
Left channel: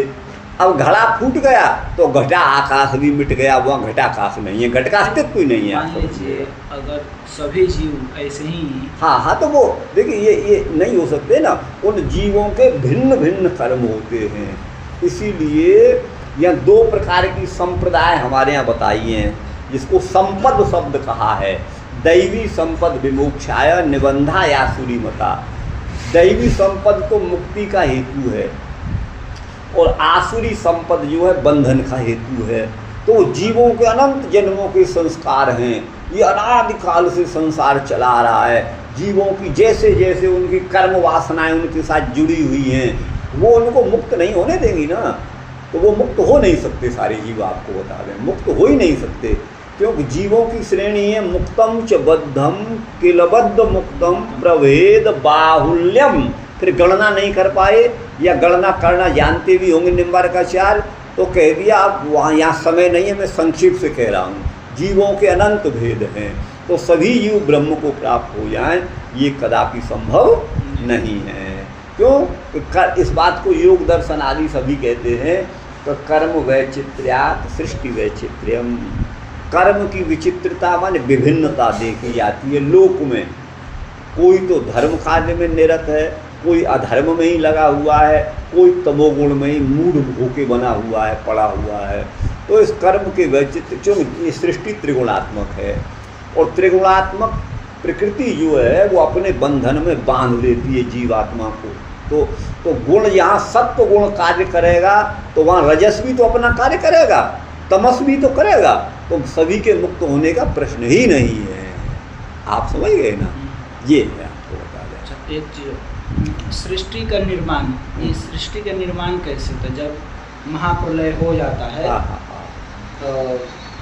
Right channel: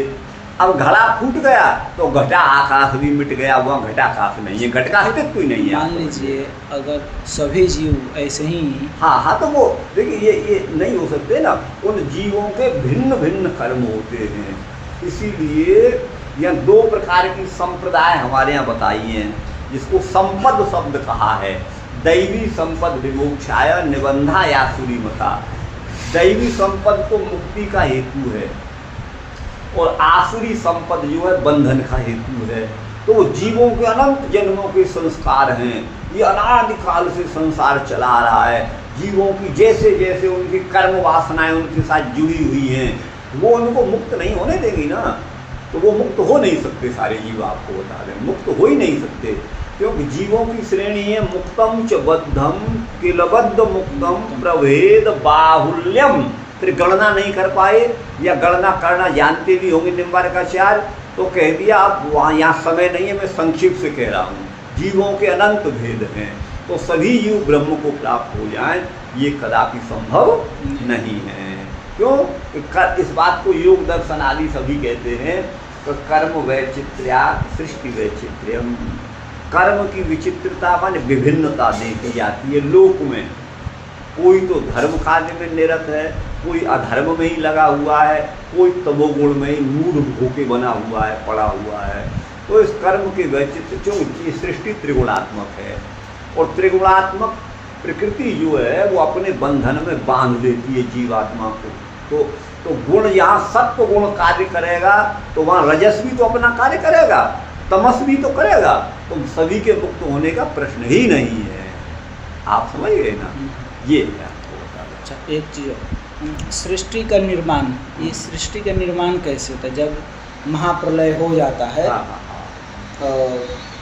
अब घड़ा फूट गया तो घटा आकाश भी मिट गया, वहाँ घटाकाश नहीं है, घट का अस्तित्व ही नहीं है। मान लीजिए अगर सभी जीव ऐसे ही, हाँ, तो वो देखिए ये नहीं हो सकते ना, उन जीवों के भिन्न भिन्न कर्म होते हैं। इसीलिए यह 2 प्रकार की संप्रदाय हमारे यहाँ बताई हैं, जिसको संपद शब्द कहा है। दैवी संपद विमोक्षाय निबंधा या सूरीमता। दैवी संपद तो मुक्ति का हेतु है और आसुरी संपद जो है बंधन का हेतु है। तो जीवों के अनंत जन्मों के संस्कार हैं, ये अनादिकाल से संसार चला रहा है। जीवों की जैसे जैसे उनकी कर्म वासनाएं उनके साथ जुड़ी हुई हैं, वो उनको मुक्त नहीं होने देंगी ना। तो वो मुक्त हो नहीं सकते सारे जीव, आपको बता दें, मुक्त हो ही नहीं सकते, क्योंकि जीवों की श्रेणी है मुक्तम च बद्धम किलबद्ध मुक्तम प्रभेद बाहुल्यम। फिर गणना नहीं कर पाए या गणना करना जानते भी होंगे निम्बारकाचार्य, तो कह दिया अब वहाँ यहाँ समय नहीं है, मैं संक्षिप्त से कह रहा हूँ। जीवों के अनंत भेद हैं, तो सभी जीव ब्रह्म को प्राप्त हो जाएं, ये कदापि संभव नहीं है। क्यों? इस बात को योग दर्शन आदि सभी कहते हैं। तो कर्म वैचित्र्या सृष्टि वैचित्र्यम, कर्म की विचित्रता माने विभिन्नता देखी जाती है लोक में। कोई तो धर्म कार्य में निरत है, कोई अधर्म में ही लगा हुआ है, कोई तमोगुण में ही मूढ़ होके बना हुआ है, पड़ा हुआ है। तो इस कर्म के वैचित्र, क्योंकि सृष्टि त्रिगुणात्मक है और त्रिगुणात्मक प्रकृति जो है वो अपने बंधन में बांध लेती है जीवात्मा को। तो गुण, यहाँ सत्व गुण कार्य करेगा तो वहाँ रजस भी तो अपना कार्य करेगा, तमस भी तो करेगा, तो सभी के मुक्त होने का प्रश्न ही नहीं है। आप समझ गए ना? ये है आपको बता दें। अच्छा, एक चीज़, सृष्टि का निर्माण, ये सृष्टि का निर्माण कैसे होता है? जब महाप्रलय हो जाता है,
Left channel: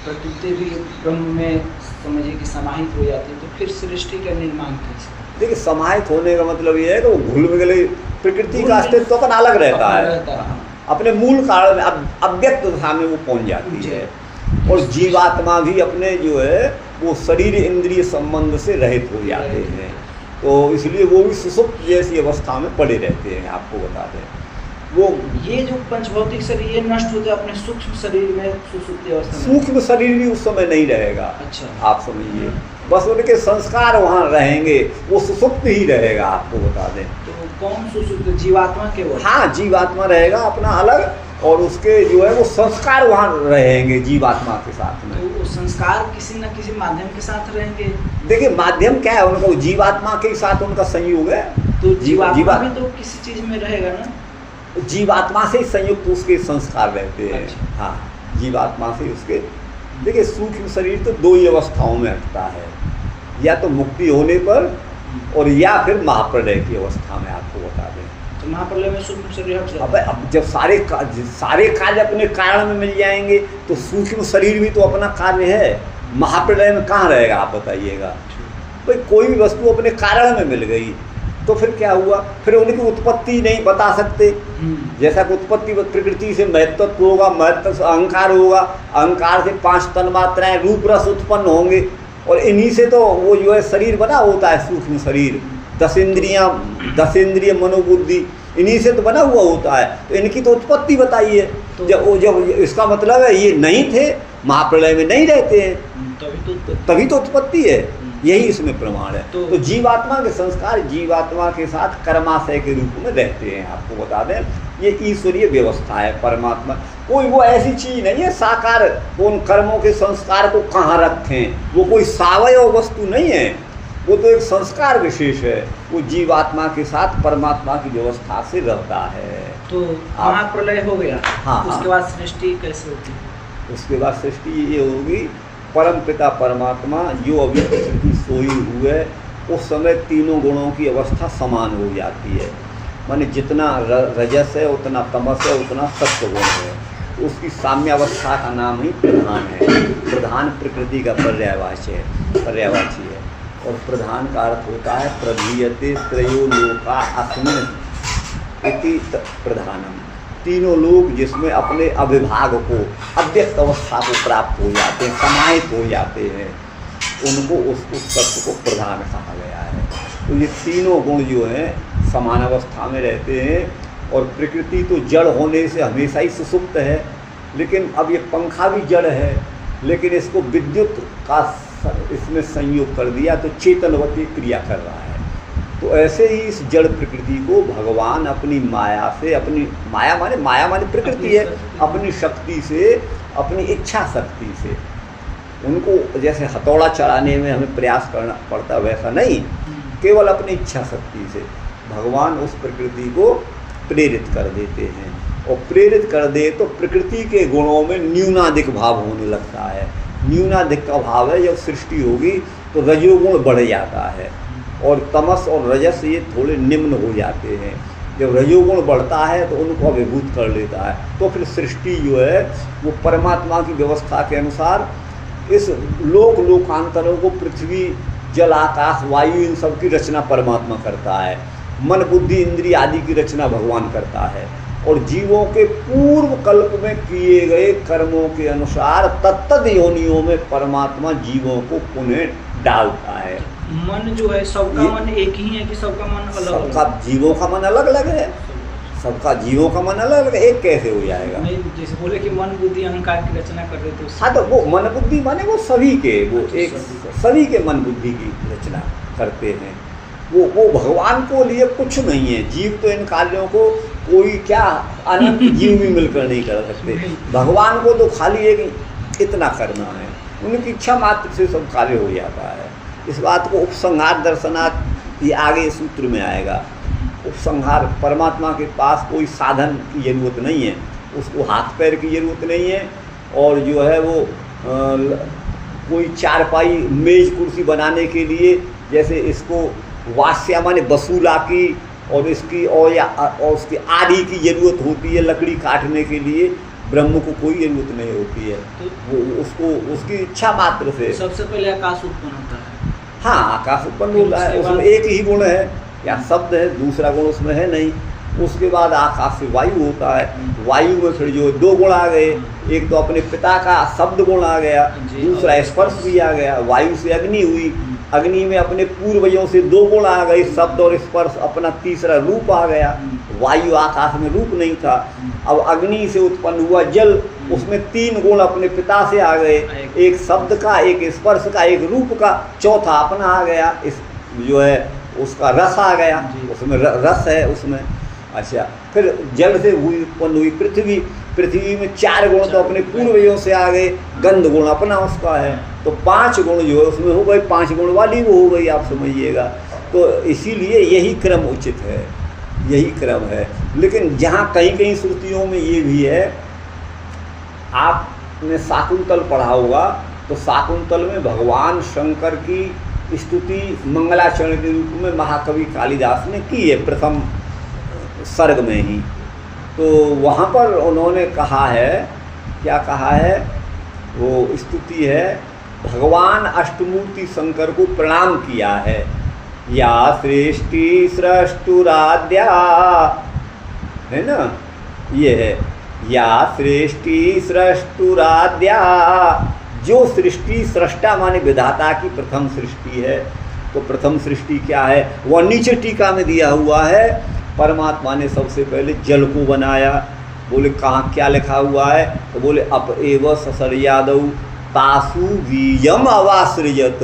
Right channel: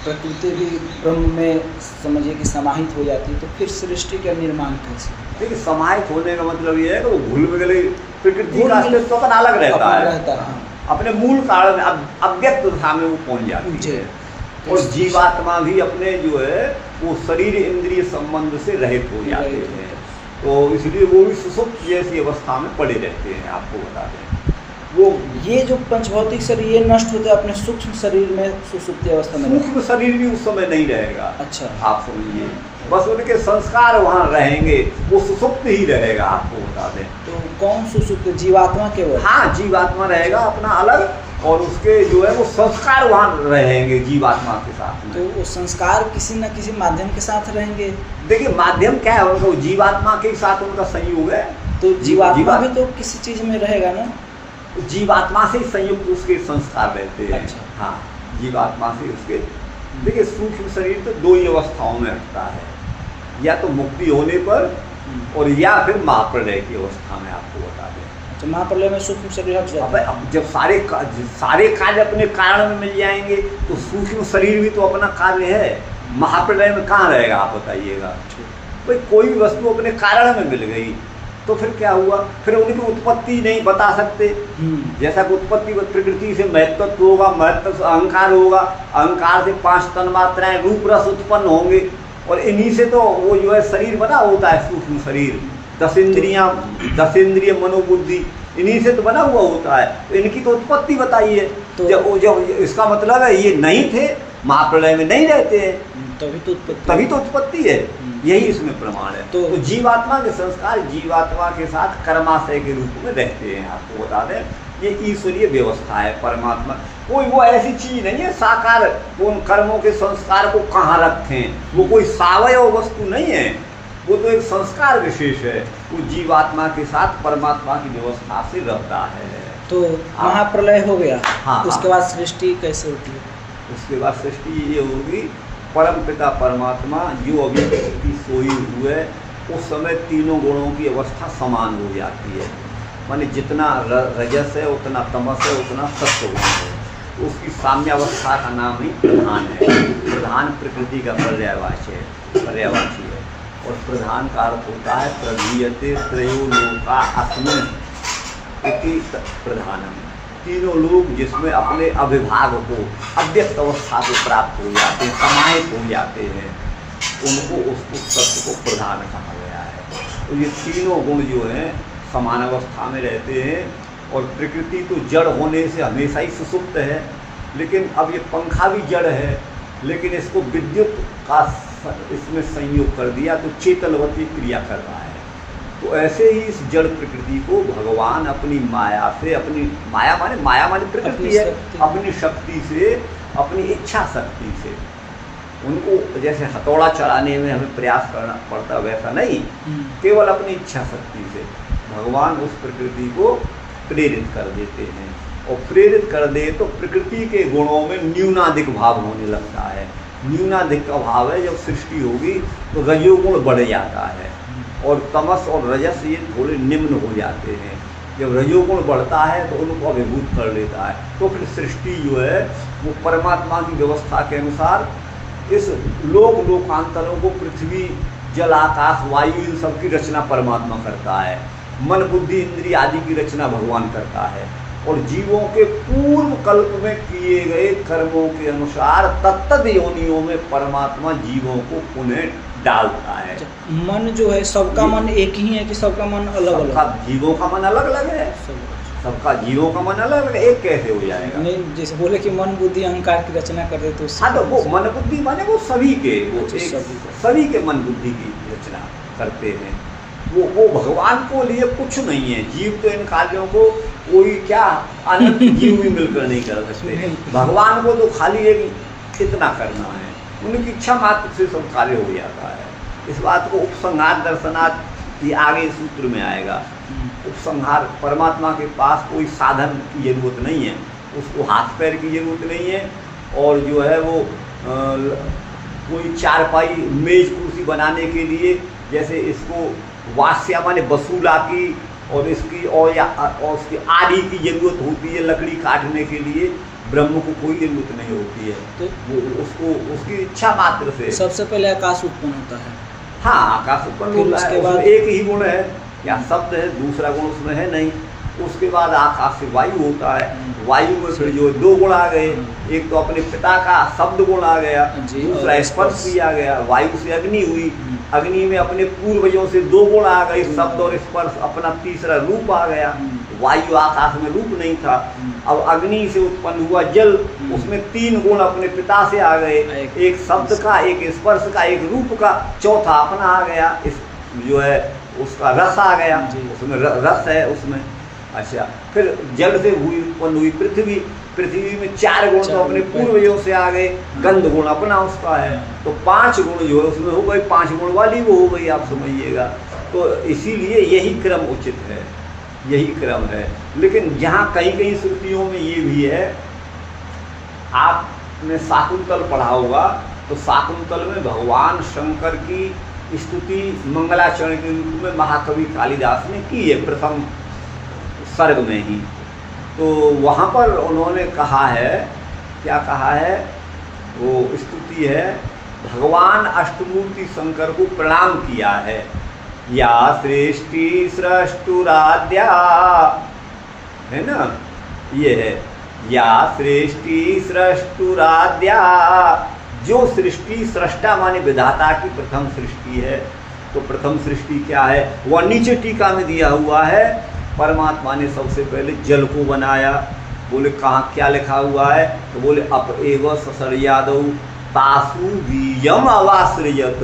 प्रकृति भी ब्रह्म में समझिए कि समाहित हो जाती है, तो फिर सृष्टि का निर्माण कैसे? देखिए, समाहित होने का मतलब ये है कि वो घुल मिल गई, प्रकृति का अस्तित्व तो अपन अलग रहता है, अपने मूल कारण में अव्यक्त दशा में वो पहुंच जाती है। और जीवात्मा भी अपने जो है वो शरीर इंद्रिय संबंध से रहित हो जाते हैं, तो इसलिए वो भी सुसुप्त जैसी अवस्था में पड़े रहते हैं। आपको बता दें, वो ये जो पंचभौतिक शरीर ये नष्ट हो जाए अपने सूक्ष्म शरीर में, सुसुप्त अवस्था में सूक्ष्म शरीर भी उस समय नहीं रहेगा। अच्छा, आप समझिए, बस उनके संस्कार वहाँ रहेंगे, वो सुसुप्त ही रहेगा। आपको बता दें, तो कौन सुसुप्त? जीवात्मा केवल? हाँ, जीवात्मा रहेगा अपना अलग, और उसके जो है वो संस्कार वहाँ रहेंगे जीवात्मा के साथ में। तो वो संस्कार किसी न किसी माध्यम के साथ रहेंगे। देखिए, माध्यम क्या है उनका? जीवात्मा के साथ उनका संयोग है। तो जीवात्मा भी तो किसी चीज़ में रहेगा ना? जीवात्मा से ही संयुक्त उसके संस्कार रहते हैं। अच्छा। हाँ, जीवात्मा से उसके, देखिए सूक्ष्म शरीर तो 2 ही अवस्थाओं में हटता है, या तो मुक्ति होने पर और या फिर महाप्रलय की अवस्था में। आपको बता दें, तो महाप्रलय में सूक्ष्म शरीर हट जाता है। अब जब सारे कार्य अपने कारण में मिल जाएंगे तो सूक्ष्म शरीर भी तो अपना कार्य है। महाप्रलय में कहाँ रहेगा आप बताइएगा? तो कोई भी वस्तु अपने कारण में मिल गई तो फिर क्या हुआ? फिर उनकी उत्पत्ति नहीं बता सकते। जैसा कि उत्पत्ति प्रकृति से महत्त्व होगा, महत्व से अहंकार होगा, अहंकार से 5 तन्मात्राएं रूप रस उत्पन्न होंगे, और इन्हीं से तो वो जो है शरीर बना होता है, सूक्ष्म शरीर। 10 इंद्रिय मनोबुद्धि इन्हीं से तो बना हुआ होता है। तो इनकी तो उत्पत्ति बताइए। तो जब इसका मतलब है ये नहीं थे, महाप्रलय में नहीं रहते हैं, तभी तो उत्पत्ति है। यही इसमें प्रमाण है। तो जीवात्मा के संस्कार जीवात्मा के साथ कर्माशय के रूप में रहते हैं। आपको बता दें, ये ईश्वरीय व्यवस्था है। परमात्मा कोई वो ऐसी चीज़ नहीं है साकार, उन कर्मों के संस्कार को कहाँ रखें, वो कोई सावयव वस्तु नहीं है, वो तो एक संस्कार विशेष है। वो जीवात्मा के साथ परमात्मा की व्यवस्था से रहता है। तो महाप्रलय हो गया, हाँ, उसके बाद सृष्टि कैसे होती है? उसके बाद सृष्टि ये होगी, परम पिता परमात्मा जो अभी प्रकृति सोई हुए, उस समय तीनों गुणों की अवस्था समान हो जाती है। माने जितना रजस है उतना तमस है उतना सत्व गुण है, उसकी साम्यावस्था का नाम ही प्रधान है। प्रधान प्रकृति का पर्यायवाची है, और प्रधान का अर्थ होता है प्रधीयते त्रयो लोका अस्मिन् इति प्रधानम। तीनों लोग जिसमें अपने अविभाग को, अव्यक्त अवस्था को प्राप्त हो जाते हैं, समाहित हो जाते हैं, उनको उस तत्व को प्रधान कहा गया है। तो ये तीनों गुण जो हैं समान अवस्था में रहते हैं, और प्रकृति तो जड़ होने से हमेशा ही सुसुप्त है, लेकिन अब ये पंखा भी जड़ है, लेकिन इसको विद्युत का इसमें संयोग कर दिया तो चेतनवती क्रिया कर रहा है। तो ऐसे ही इस जड़ प्रकृति को भगवान अपनी माया से, अपनी माया माने प्रकृति है, अपनी शक्ति से, अपनी इच्छा शक्ति से, उनको जैसे हथौड़ा चलाने में हमें प्रयास करना पड़ता वैसा नहीं, केवल अपनी इच्छा शक्ति से भगवान उस प्रकृति को प्रेरित कर देते हैं। और प्रेरित कर दे तो प्रकृति के गुणों में न्यूनाधिक भाव होने लगता है। न्यूनाधिक का भाव है, जब सृष्टि होगी तो रजोगुण बढ़ जाता है और तमस और रजस ये थोड़े निम्न हो जाते हैं। जब रजोगुण बढ़ता है तो उनको अभिभूत कर लेता है, तो फिर सृष्टि जो है वो परमात्मा की व्यवस्था के अनुसार इस लोकांतरों को, पृथ्वी, जल, आकाश, वायु, इन सब की रचना परमात्मा करता है। मन, बुद्धि, इंद्रिय आदि की रचना भगवान करता है। और जीवों के पूर्व कल्प में किए गए कर्मों के अनुसार तत्त योनियों में परमात्मा जीवों को पुनः डालता है। मन जो है सबका मन एक ही है कि सबका मन अलग अलग? सबका जीवों का मन अलग अलग है, सबका जीवों का मन अलग अलग, एक कैसे हो जाएगा? नहीं, जैसे बोले कि मन बुद्धि अहंकार की रचना कर देते, हाँ, तो वो मन बुद्धि माने वो सभी के, वो एक सभी के मन बुद्धि की रचना करते हैं। वो भगवान को लिए कुछ नहीं है। जीव तो इन कार्यों को कोई क्या अनंत जीव भी मिलकर नहीं कर सकते। भगवान को तो खाली एक इतना करना है, उनकी इच्छा मात्र से सब कार्य हो जाता है। इस बात को उपसंहार दर्शनार्थ ये आगे सूत्र में आएगा। उपसंहार, परमात्मा के पास कोई साधन की जरूरत नहीं है, उसको हाथ पैर की जरूरत नहीं है, और जो है वो कोई चारपाई, मेज, कुर्सी बनाने के लिए जैसे इसको वास्या माने वसूला की और इसकी और उसकी आदि की जरूरत होती है लकड़ी काटने के लिए, ब्रह्म को कोई जरूरत नहीं होती है। तो वो उसको उसकी इच्छा मात्र से सबसे पहले आकाश उत्पन्न होता है। हाँ, आकाश उत्पन्न होता है, उसमें एक ही गुण है या शब्द है, दूसरा गुण उसमें है नहीं। उसके बाद आकाश से वायु होता है, वायु में फिर जो दो गुण आ गए, एक तो अपने पिता का शब्द गुण आ गया, दूसरा स्पर्श भी आ गया। वायु से अग्नि हुई, अग्नि में अपने पूर्वजों से दो गुण आ गए, शब्द और स्पर्श, अपना तीसरा रूप आ गया। वायु आकाश में रूप नहीं था, अब अग्नि से उत्पन्न हुआ जल, उसमें तीन गुण अपने पिता से आ गए, एक शब्द का, एक स्पर्श का, एक रूप का, चौथा अपना आ गया, इस जो है उसका रस आ गया, उसमें रस है उसमें। अच्छा, फिर जल से उत्पन्न हुई पृथ्वी, पृथ्वी में चार गुण तो अपने पूर्वजों से आ गए, गंध गुण अपना उसका है, तो पांच गुण जो है उसमें हो गए, पांच गुण वाली वो हो गई, आप समझिएगा। तो इसीलिए यही क्रम उचित है, यही क्रम है। लेकिन जहाँ कहीं कहीं श्रुतियों में ये भी है, आपने शाकुंतल पढ़ा होगा, तो शाकुंतल में भगवान शंकर की स्तुति मंगलाचरण के रूप में महाकवि कालिदास ने की है, प्रथम सर्ग में ही। तो वहाँ पर उन्होंने कहा है, क्या कहा है, वो स्तुति है, भगवान अष्टमूर्ति शंकर को प्रणाम किया है। या सृष्टि सृष्टुराद्या, है ना, ये है, या सृष्टि सृष्टुराद्या, जो सृष्टि, सृष्टा माने विधाता की प्रथम सृष्टि है। तो प्रथम सृष्टि क्या है, वह नीचे टीका में दिया हुआ है। परमात्मा ने सबसे पहले जल को बनाया। बोले कहाँ क्या लिखा हुआ है, तो बोले अप एव ससर्यादौ तासु बीजम अवासृजत।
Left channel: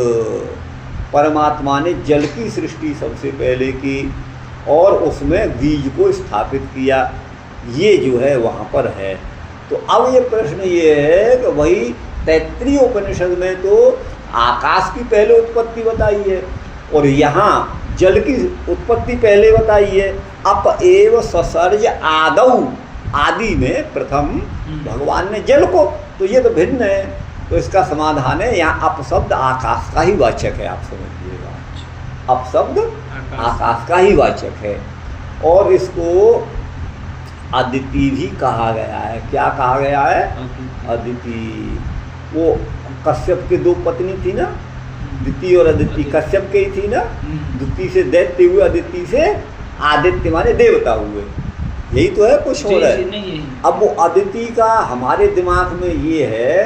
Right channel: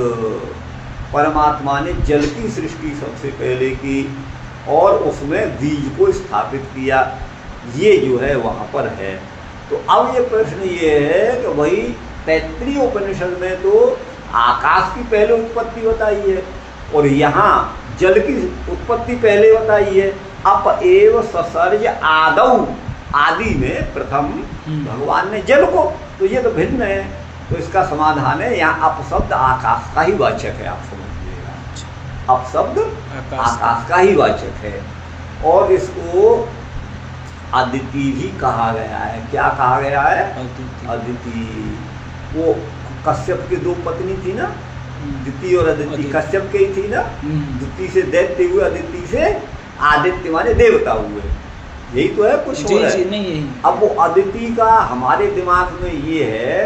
परमात्मा ने जल की सृष्टि सबसे पहले की और उसमें बीज को स्थापित किया। ये जो है वहाँ पर है। तो अब ये प्रश्न ये है कि भाई तैत्तिरीय उपनिषद में तो आकाश की पहले उत्पत्ति बताई है और यहाँ जल की उत्पत्ति पहले बताई है। अप एव ससर्ज आदौ, आदि में प्रथम भगवान ने जल को, तो ये तो भिन्न है। तो इसका समाधान है, यहाँ अप शब्द आकाश का ही वाचक है, आप समझिएगा। अप शब्द आकाश का ही वाचक है और इसको अदिति भी कहा गया है। क्या कहा गया है, अदिति। वो कश्यप की दो पत्नी थी ना, दिति और अदिति, कश्यप की थी ना, दिति से दैत्य हुए, अदिति से आदित्य माने देवता हुए, यही तो है, कुछ हो रहा है। अब वो अदिति का हमारे दिमाग में ये है,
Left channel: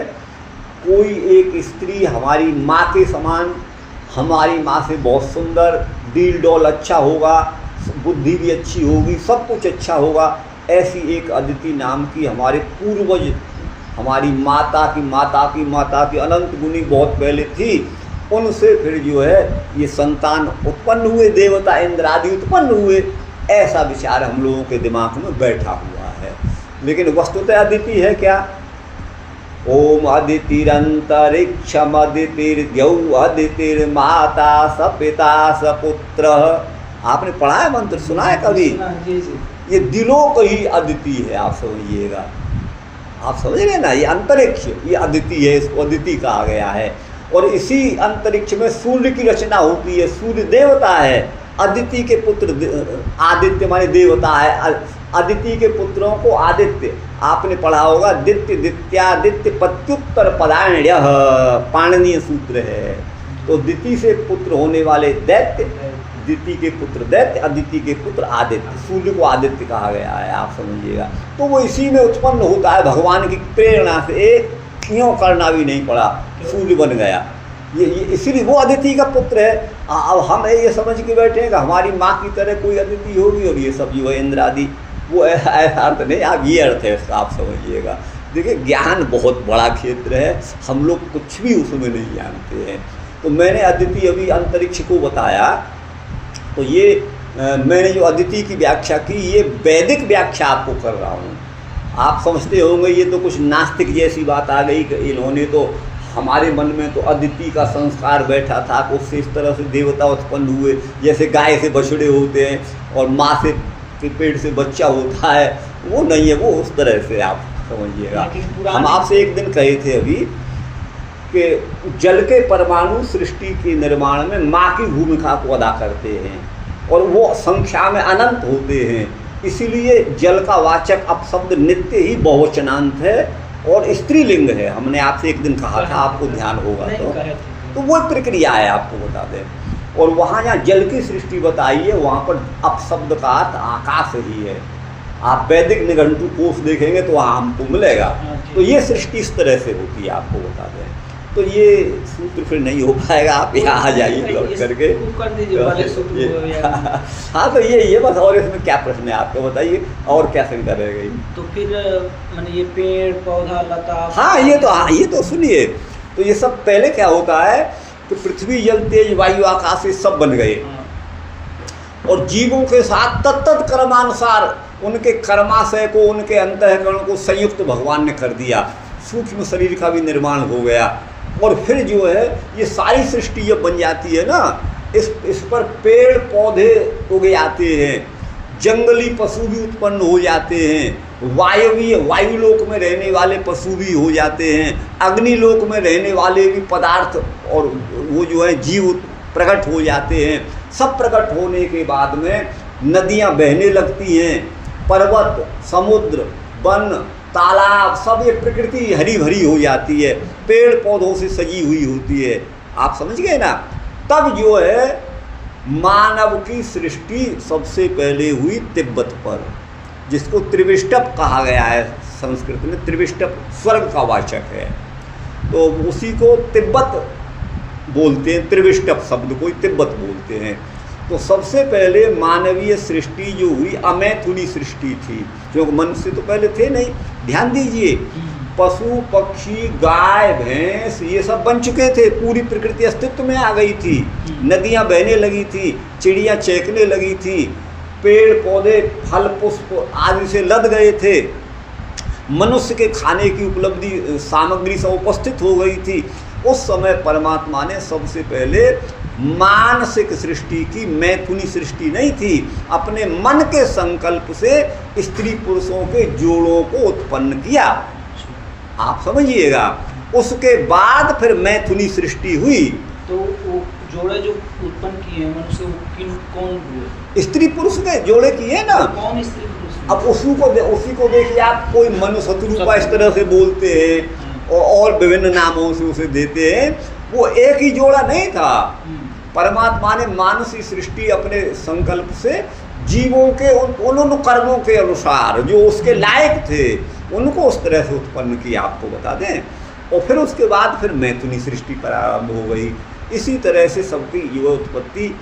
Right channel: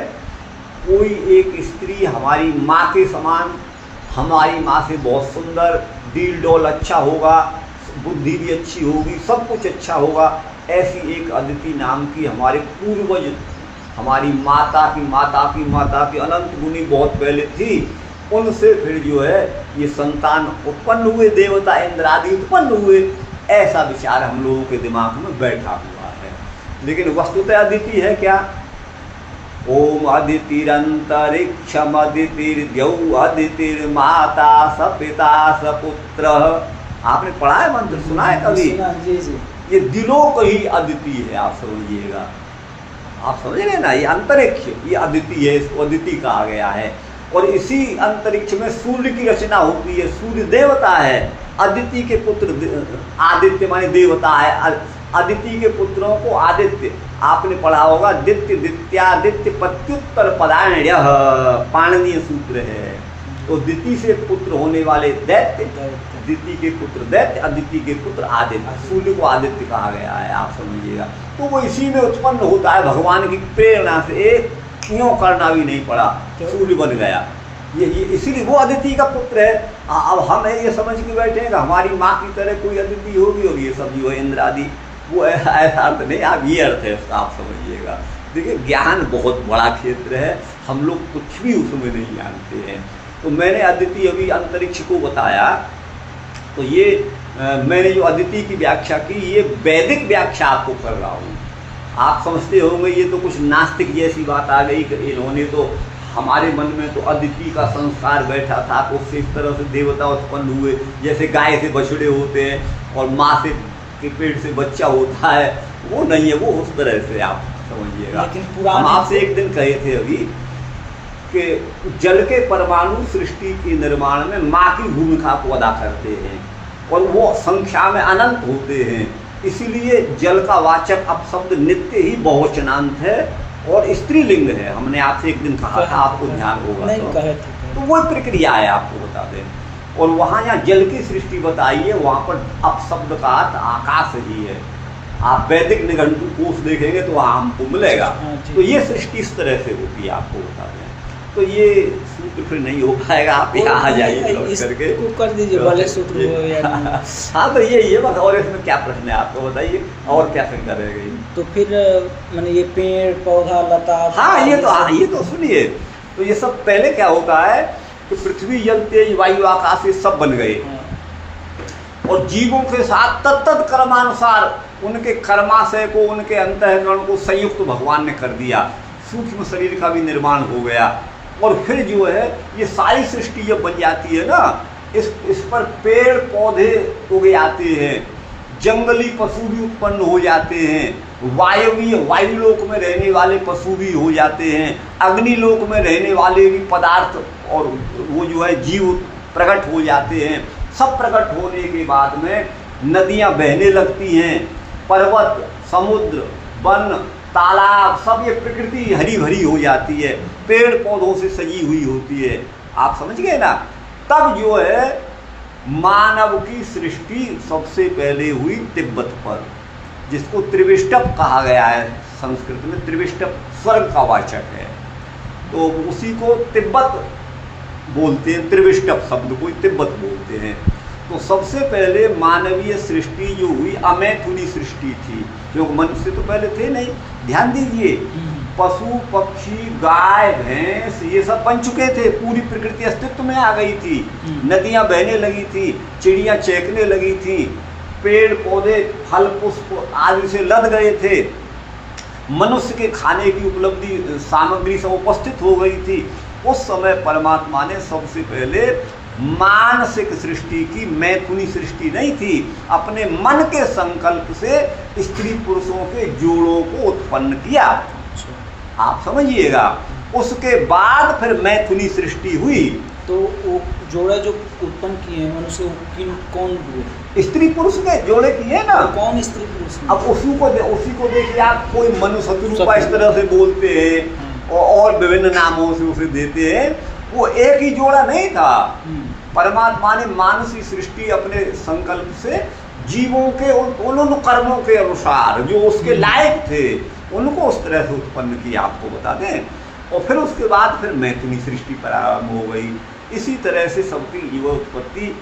कोई एक स्त्री हमारी माँ के समान, हमारी माँ से बहुत सुंदर, डील डोल अच्छा होगा, बुद्धि भी अच्छी होगी, सब कुछ अच्छा होगा। ऐसी एक अदिति नाम की हमारे पूर्वज, हमारी माता की माता की माता की अनंत गुनी बहुत पहले थी, उनसे फिर जो है ये संतान उत्पन्न हुए, देवता इंद्रादि उत्पन्न हुए। ऐसा विचार हम लोगों के दिमाग में बैठा हुआ है, लेकिन वस्तुतः अदिति है क्या? ओम अदितिरंतरिक्षम अदितिर्द्यौ अदितिर्माता स पिता स पुत्र। आपने पढ़ा है मंत्र, सुना है कभी? ये दिलों को ही अदिति है, आप समझिएगा। आप समझ गए ना, ये अंतरिक्ष ये अदिति है, इसको अदिति कहा गया है। और इसी अंतरिक्ष में सूर्य की रचना होती है, सूर्य देवता है, अदिति के पुत्र आदित्य माने देवता है। अदिति के पुत्रों को आदित्य, आपने पढ़ा होगा, दित्य दित्यादित्य पत्युत्तर पदाण्य पाणनीय सूत्र है। तो दिति से पुत्र होने वाले दैत्य, दिति के पुत्र दैत्य, अदिति के पुत्र आदित्य, सूर्य को आदित्य कहा गया है, आप समझिएगा। तो वो इसी में उत्पन्न होता है, भगवान की प्रेरणा से, क्यों करना भी नहीं पड़ा, सूर्य बन गया। ये इसीलिए वो अदिति का पुत्र है। अब हम ये समझ के बैठे हैं कि हमारी माँ की तरह कोई अदिति होगी और ये सब जो है इंद्रादि, वो ऐसा अर्थ नहीं, आप ये अर्थ है इसका, आप समझिएगा। देखिए ज्ञान बहुत बड़ा क्षेत्र है, हम लोग कुछ भी उसमें नहीं जानते हैं। तो मैंने अदिति अभी अंतरिक्ष को बताया, तो ये मैंने जो अदिति की व्याख्या की, ये वैदिक व्याख्या आपको कर रहा हूँ। आप समझते होंगे ये तो कुछ नास्तिक जैसी बात आ गई कि इन्होंने तो, हमारे मन में तो अदिति का संस्कार बैठा था, उससे इस तरह से देवता उत्पन्न हुए, जैसे गाय से बछड़े होते हैं और माँ से के पेट से बच्चा होता है, वो नहीं है, वो उस तरह से आप समझिएगा। हम आपसे एक दिन कहे थे अभी कि जल के परमाणु सृष्टि के निर्माण में माँ की भूमिका को अदा करते हैं और वो संख्या में अनंत होते हैं, इसीलिए जल का वाचक अपशब्द नित्य ही बहुवचनांत है और स्त्रीलिंग है। हमने आपसे एक दिन कहा था, आपको ध्यान होगा तो वो प्रक्रिया है, आपको बता दें। और वहाँ जहाँ जल की सृष्टि बताइए, वहाँ पर अपशब्द का अर्थ आकाश ही है। आप वैदिक निघंटु कोश देखेंगे तो वहाँ हमको मिलेगा। तो ये सृष्टि इस तरह से होती है, आपको बता दें। तो ये सूत्र फिर नहीं हो पाएगा, आप यहाँ आ जाइए करके कर दीजिए सूत्र। हाँ तो ये बस, और इसमें क्या प्रश्न है आपको बताइए, और क्या शंका रह गई? तो फिर मैंने ये पेड़ पौधा लता, हाँ ये तो सुनिए, तो ये सब पहले क्या होता है, तो पृथ्वी जल तेज वायु आकाश ये सब बन गए और जीवों के साथ तत्त कर्मानुसार उनके कर्माशय को, उनके अंतःकरण को संयुक्त भगवान ने कर दिया, सूक्ष्म शरीर का भी निर्माण हो गया। और फिर जो है ये सारी सृष्टि जब बन जाती है ना, इस पर पेड़ पौधे उग जाते हैं, जंगली पशु भी उत्पन्न हो जाते हैं, वायुलोक में रहने वाले पशु भी हो जाते हैं, अग्निलोक में रहने वाले भी पदार्थ और वो जो है जीव प्रकट हो जाते हैं। सब प्रकट होने के बाद में नदियाँ बहने लगती हैं, पर्वत, समुद्र, वन, तालाब, सब ये प्रकृति हरी भरी हो जाती है, पेड़ पौधों से सजी हुई होती है। आप समझ गए ना? तब जो है मानव की सृष्टि सबसे पहले हुई तिब्बत पर, जिसको त्रिविष्टप कहा गया है। संस्कृत में त्रिविष्टप स्वर्ग का वाचक है, तो उसी को तिब्बत बोलते हैं, त्रिविष्टप शब्द को तिब्बत बोलते हैं। तो सबसे पहले मानवीय सृष्टि जो हुई अमैथुनी सृष्टि थी, जो मनुष्य तो पहले थे नहीं। ध्यान दीजिए, पशु पक्षी गाय भैंस ये सब बन चुके थे, पूरी प्रकृति अस्तित्व में आ गई थी, नदियाँ बहने लगी थी, चिड़ियाँ चहकने लगी थी, पेड़ पौधे फल पुष्प आदि से लद गए थे, मनुष्य के खाने की उपलब्धि सामग्री सब उपस्थित हो गई थी। उस समय परमात्मा ने सबसे पहले मानसिक सृष्टि की, मैथुनी सृष्टि नहीं थी, अपने मन के संकल्प से स्त्री पुरुषों के जोड़ों को उत्पन्न किया। आप समझिएगा, उसके बाद फिर मैथुनी सृष्टि हुई। तो वो जोड़े जो उत्पन्न किए हैं उनसे कौन हुए? स्त्री पुरुष के जोड़े किए ना। तो कौन स्त्री पुरुष? अब उसी को देखिए आप, कोई मनुष्य रूपा इस तरह से बोलते हैं और विभिन्न नामों से उसे देते हैं, वो एक ही जोड़ा नहीं था। परमात्मा ने मानसिक सृष्टि अपने संकल्प से जीवों के उन कर्मों के अनुसार जो उसके लायक थे उनको उस तरह से उत्पन्न किया, आपको बता दें। और फिर उसके बाद फिर मैथुनी सृष्टि प्रारंभ हो गई। इसी तरह से सबकी जीवोत्पत्ति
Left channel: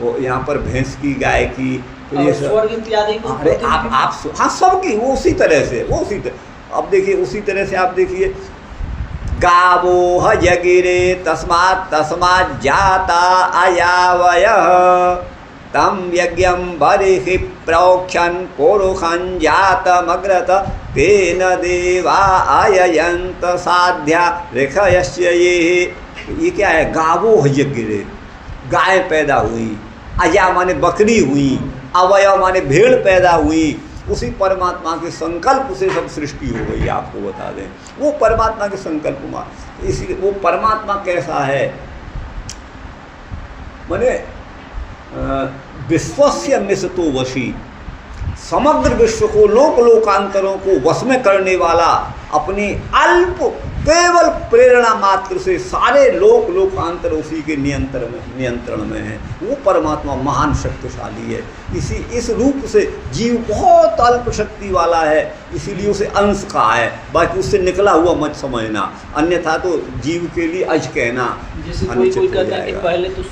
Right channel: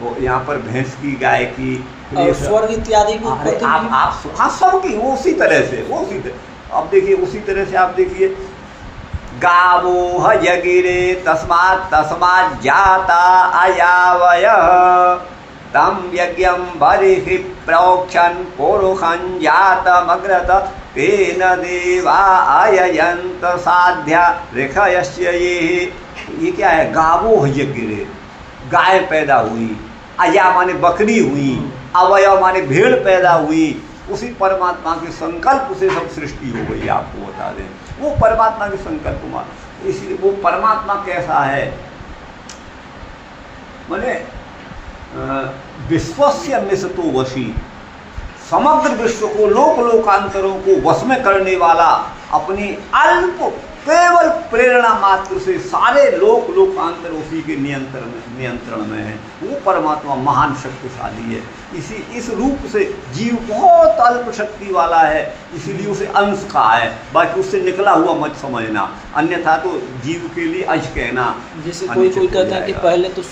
वो यहाँ पर भैंस की, गाय की, तो ये और स्वर्ग इत्यादि को अरे आप हाँ सबकी वो उसी तरह से, वो उसी तरह। अब देखिए उसी तरह से आप देखिए, गावो ह जगिरे तस्मात् तस्मात् जाता अयावयः तम यज्ञम बर्हि प्रोक्षन् पुरुषं जातमग्रत तेन देवा अययन्त साध्या ऋषयस्य ये क्या है? गावो ह जगिरे, गाय पैदा हुई, अया माने बकरी हुई, अवयव माने भेड़ पैदा हुई। उसी परमात्मा के संकल्प से सब सृष्टि हो गई। आपको बता दें वो परमात्मा के संकल्प में, इसलिए वो परमात्मा कैसा है माने विश्वस्य मिषतो वशी, समग्र विश्व को लोक लोकांतरों को वश में करने वाला, अपनी अल्प केवल प्रेरणा मात्र से सारे लोक लोकांतर उसी के नियंत्रण में है। वो परमात्मा महान शक्तिशाली है। इस रूप से जीव बहुत अल्प शक्ति वाला है, इसीलिए उसे अंश कहा है। बाकी उससे निकला हुआ मत समझना, अन्यथा तो जीव के लिए अज कहना। जैसे कोई कहता है कि पहले तो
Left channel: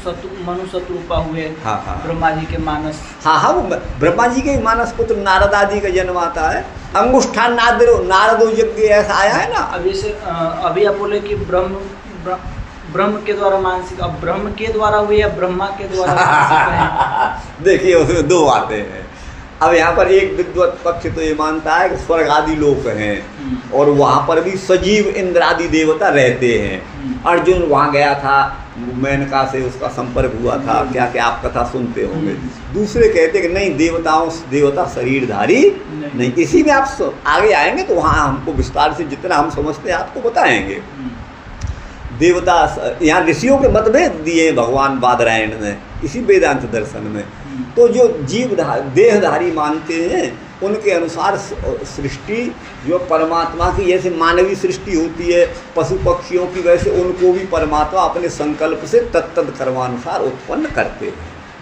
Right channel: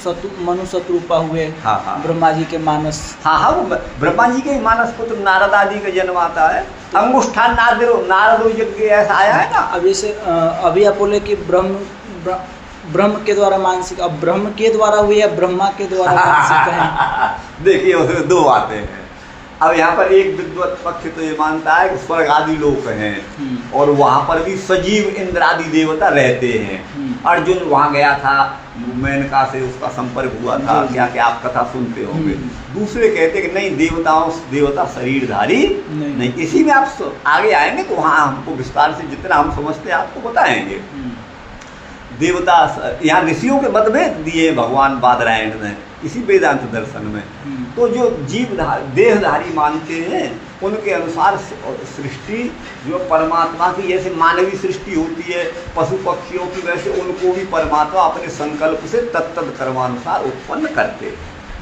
मनु शत्रुपा हुए, हाँ ब्रह्मा जी के मानस, हाँ वो ब्रह्मा जी के मानस को तो नारद आदि का जन्म आता है। अंगुष्ठान नारदो यज्ञ ऐसा आया है ना। अब जैसे अभी आप बोले कि ब्रह्म के द्वारा मानसिक, अब ब्रह्म के द्वारा हुई या ब्रह्मा के द्वारा मानसिक है? देखिए उसमें दो बातें हैं। अब यहाँ पर एक विद्वत पक्ष तो ये मानता है कि स्वर्ग आदि लोक हैं और वहाँ पर भी सजीव इंद्रादि देवता रहते हैं। अर्जुन वहाँ गया था, मेनका से उसका संपर्क हुआ था, क्या क्या आप कथा सुनते होंगे। दूसरे कहते कि नहीं, देवता शरीरधारी नहीं। इसी में आप आगे आएंगे तो वहाँ हमको विस्तार से जितना हम समझते हैं आपको बताएंगे। देवता यहाँ ऋषियों के मतभेद दिए भगवान बादरायण ने इसी वेदांत दर्शन में। तो जो जीव देहधारी मानते हैं उनके अनुसार सृष्टि जो परमात्मा की, जैसे मानवीय सृष्टि होती है पशु पक्षियों की, वैसे उनको भी परमात्मा अपने संकल्प से तत्त कर्मानुसार उत्पन्न करते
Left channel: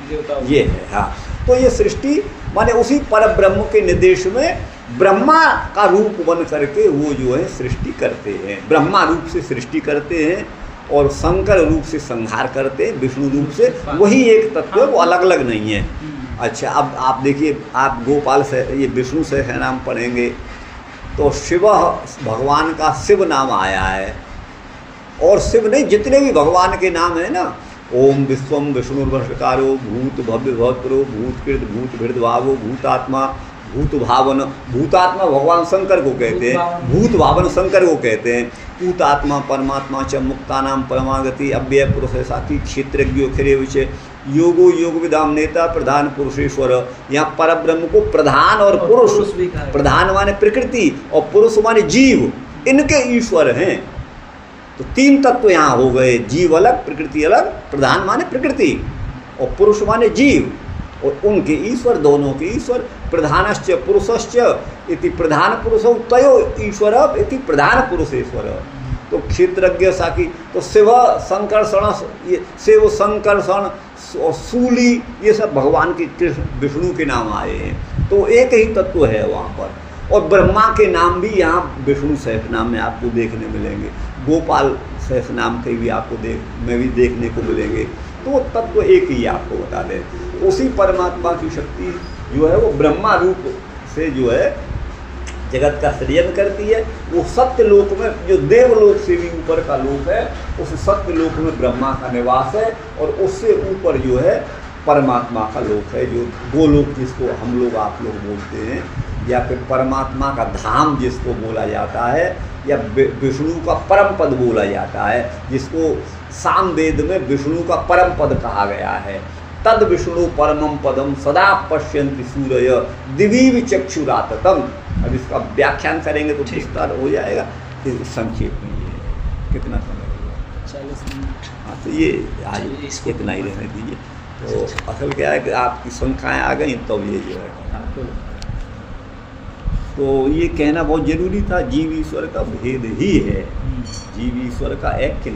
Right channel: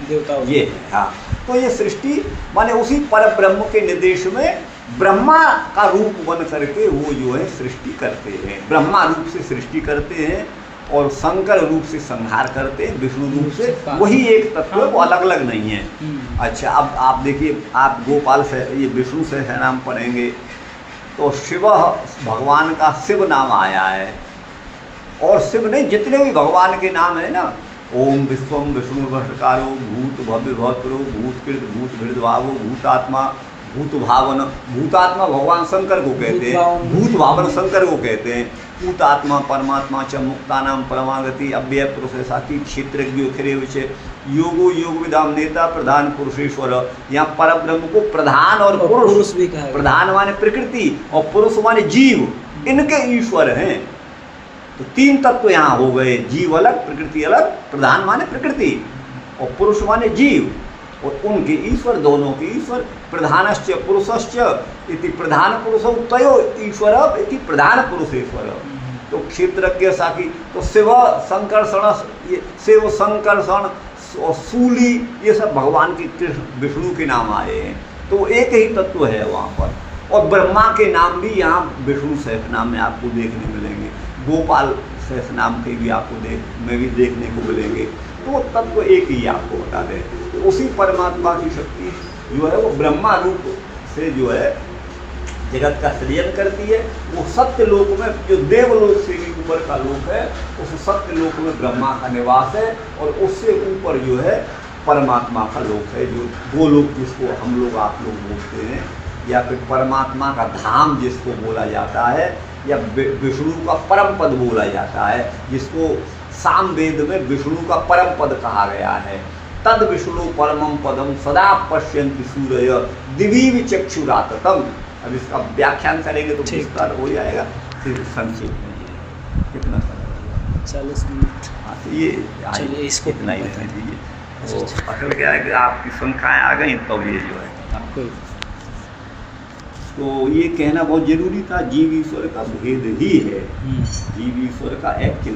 देवता ये है। हाँ, तो ये सृष्टि माने उसी पर ब्रह्म के निर्देश में ब्रह्मा का रूप बन करके वो जो है सृष्टि करते हैं। ब्रह्मा रूप से सृष्टि करते हैं और शंकर रूप से संहार करते हैं, विष्णु रूप से। वही एक तत्व है, वो अलग अलग नहीं है। अच्छा, अब आप देखिए, आप गोपाल से ये विष्णु से नाम पढ़ेंगे तो शिव भगवान का शिव नाम आया है। और शिव नहीं, जितने भी भगवान के नाम है ना, ओम विश्वम विष्णुर्वशकारो भूत भव्य भद्रो भूतकृत भूत भृदभावो भूतात्मा भूत भावन। भूतात्मा भगवान शंकर को कहते हैं, भूत भावन शंकर को कहते हैं। भूतात्मा परमात्मा च मुक्तानाम परमागति अव्यय पुरुष साथी क्षेत्रज्ञो खरे विषय योगो योग विदाम नेता प्रधान पुरुषेश्वर। यहाँ पर ब्रह्म को प्रधान और पुरुष भी कहा। प्रधान माने प्रकृति और पुरुष माने जीव, इनके ईश्वर हैं। तो तीन तत्व यहाँ हो गए, जीव अलग प्रकृति अलग, प्रधान माने प्रकृति और पुरुष माने जीव, और उनके ईश्वर, दोनों के ईश्वर। प्रधानश्च पुरुषश्च इति प्रधान पुरुषौ तयो ईश्वर इति प्रधान पुरुषेश्वर। तो क्षेत्रज्ञ साकी, तो शिव संकर्षण, ये शिव संकर्षण और सूली, ये सब भगवान के विष्णु के नाम आए हैं। तो एक ही तत्व है वहाँ पर। और ब्रह्मा के नाम भी यहाँ विष्णु सहस्र नाम में आपको देखने मिलेंगे, गोपाल सहस्र नाम के भी आपको देखने को मिलेंगे। तो तत्व एक ही आपको बता दें। उसी परमात्मा की शक्ति जो है वो ब्रह्मा रूप से जो है जगत का सृजन करती है। वो सत्य लोक में, जो देवलोक से भी ऊपर का लोक है, उस सत्य लोक में ब्रह्मा का निवास है। और उससे ऊपर जो है परमात्मा का लोक है, जो गोलोक जिसको हम लोग आप लोग बोलते हैं, या फिर परमात्मा का धाम जिसको बोला जाता है, या विष्णु का परम पद बोला जाता है, जिसको सामवेद में विष्णु का परम पद कहा गया है। तद विष्णु परमं पदम सदा पश्यन्ति सूरय दिवीव चक्षुराततम। अब इसका व्याख्यान करेंगे तो विस्तार हो जाएगा। फिर संक्षेप में ये कितना समय 40 मिनट। हाँ, तो ये इसको इतना ही रहने दीजिए। तो असल क्या है कि आपकी संख्याएँ आ गई तो ये जो है, तो ये कहना बहुत जरूरी था। जीव ईश्वर का भेद ही है, जीव ईश्वर का ऐक्य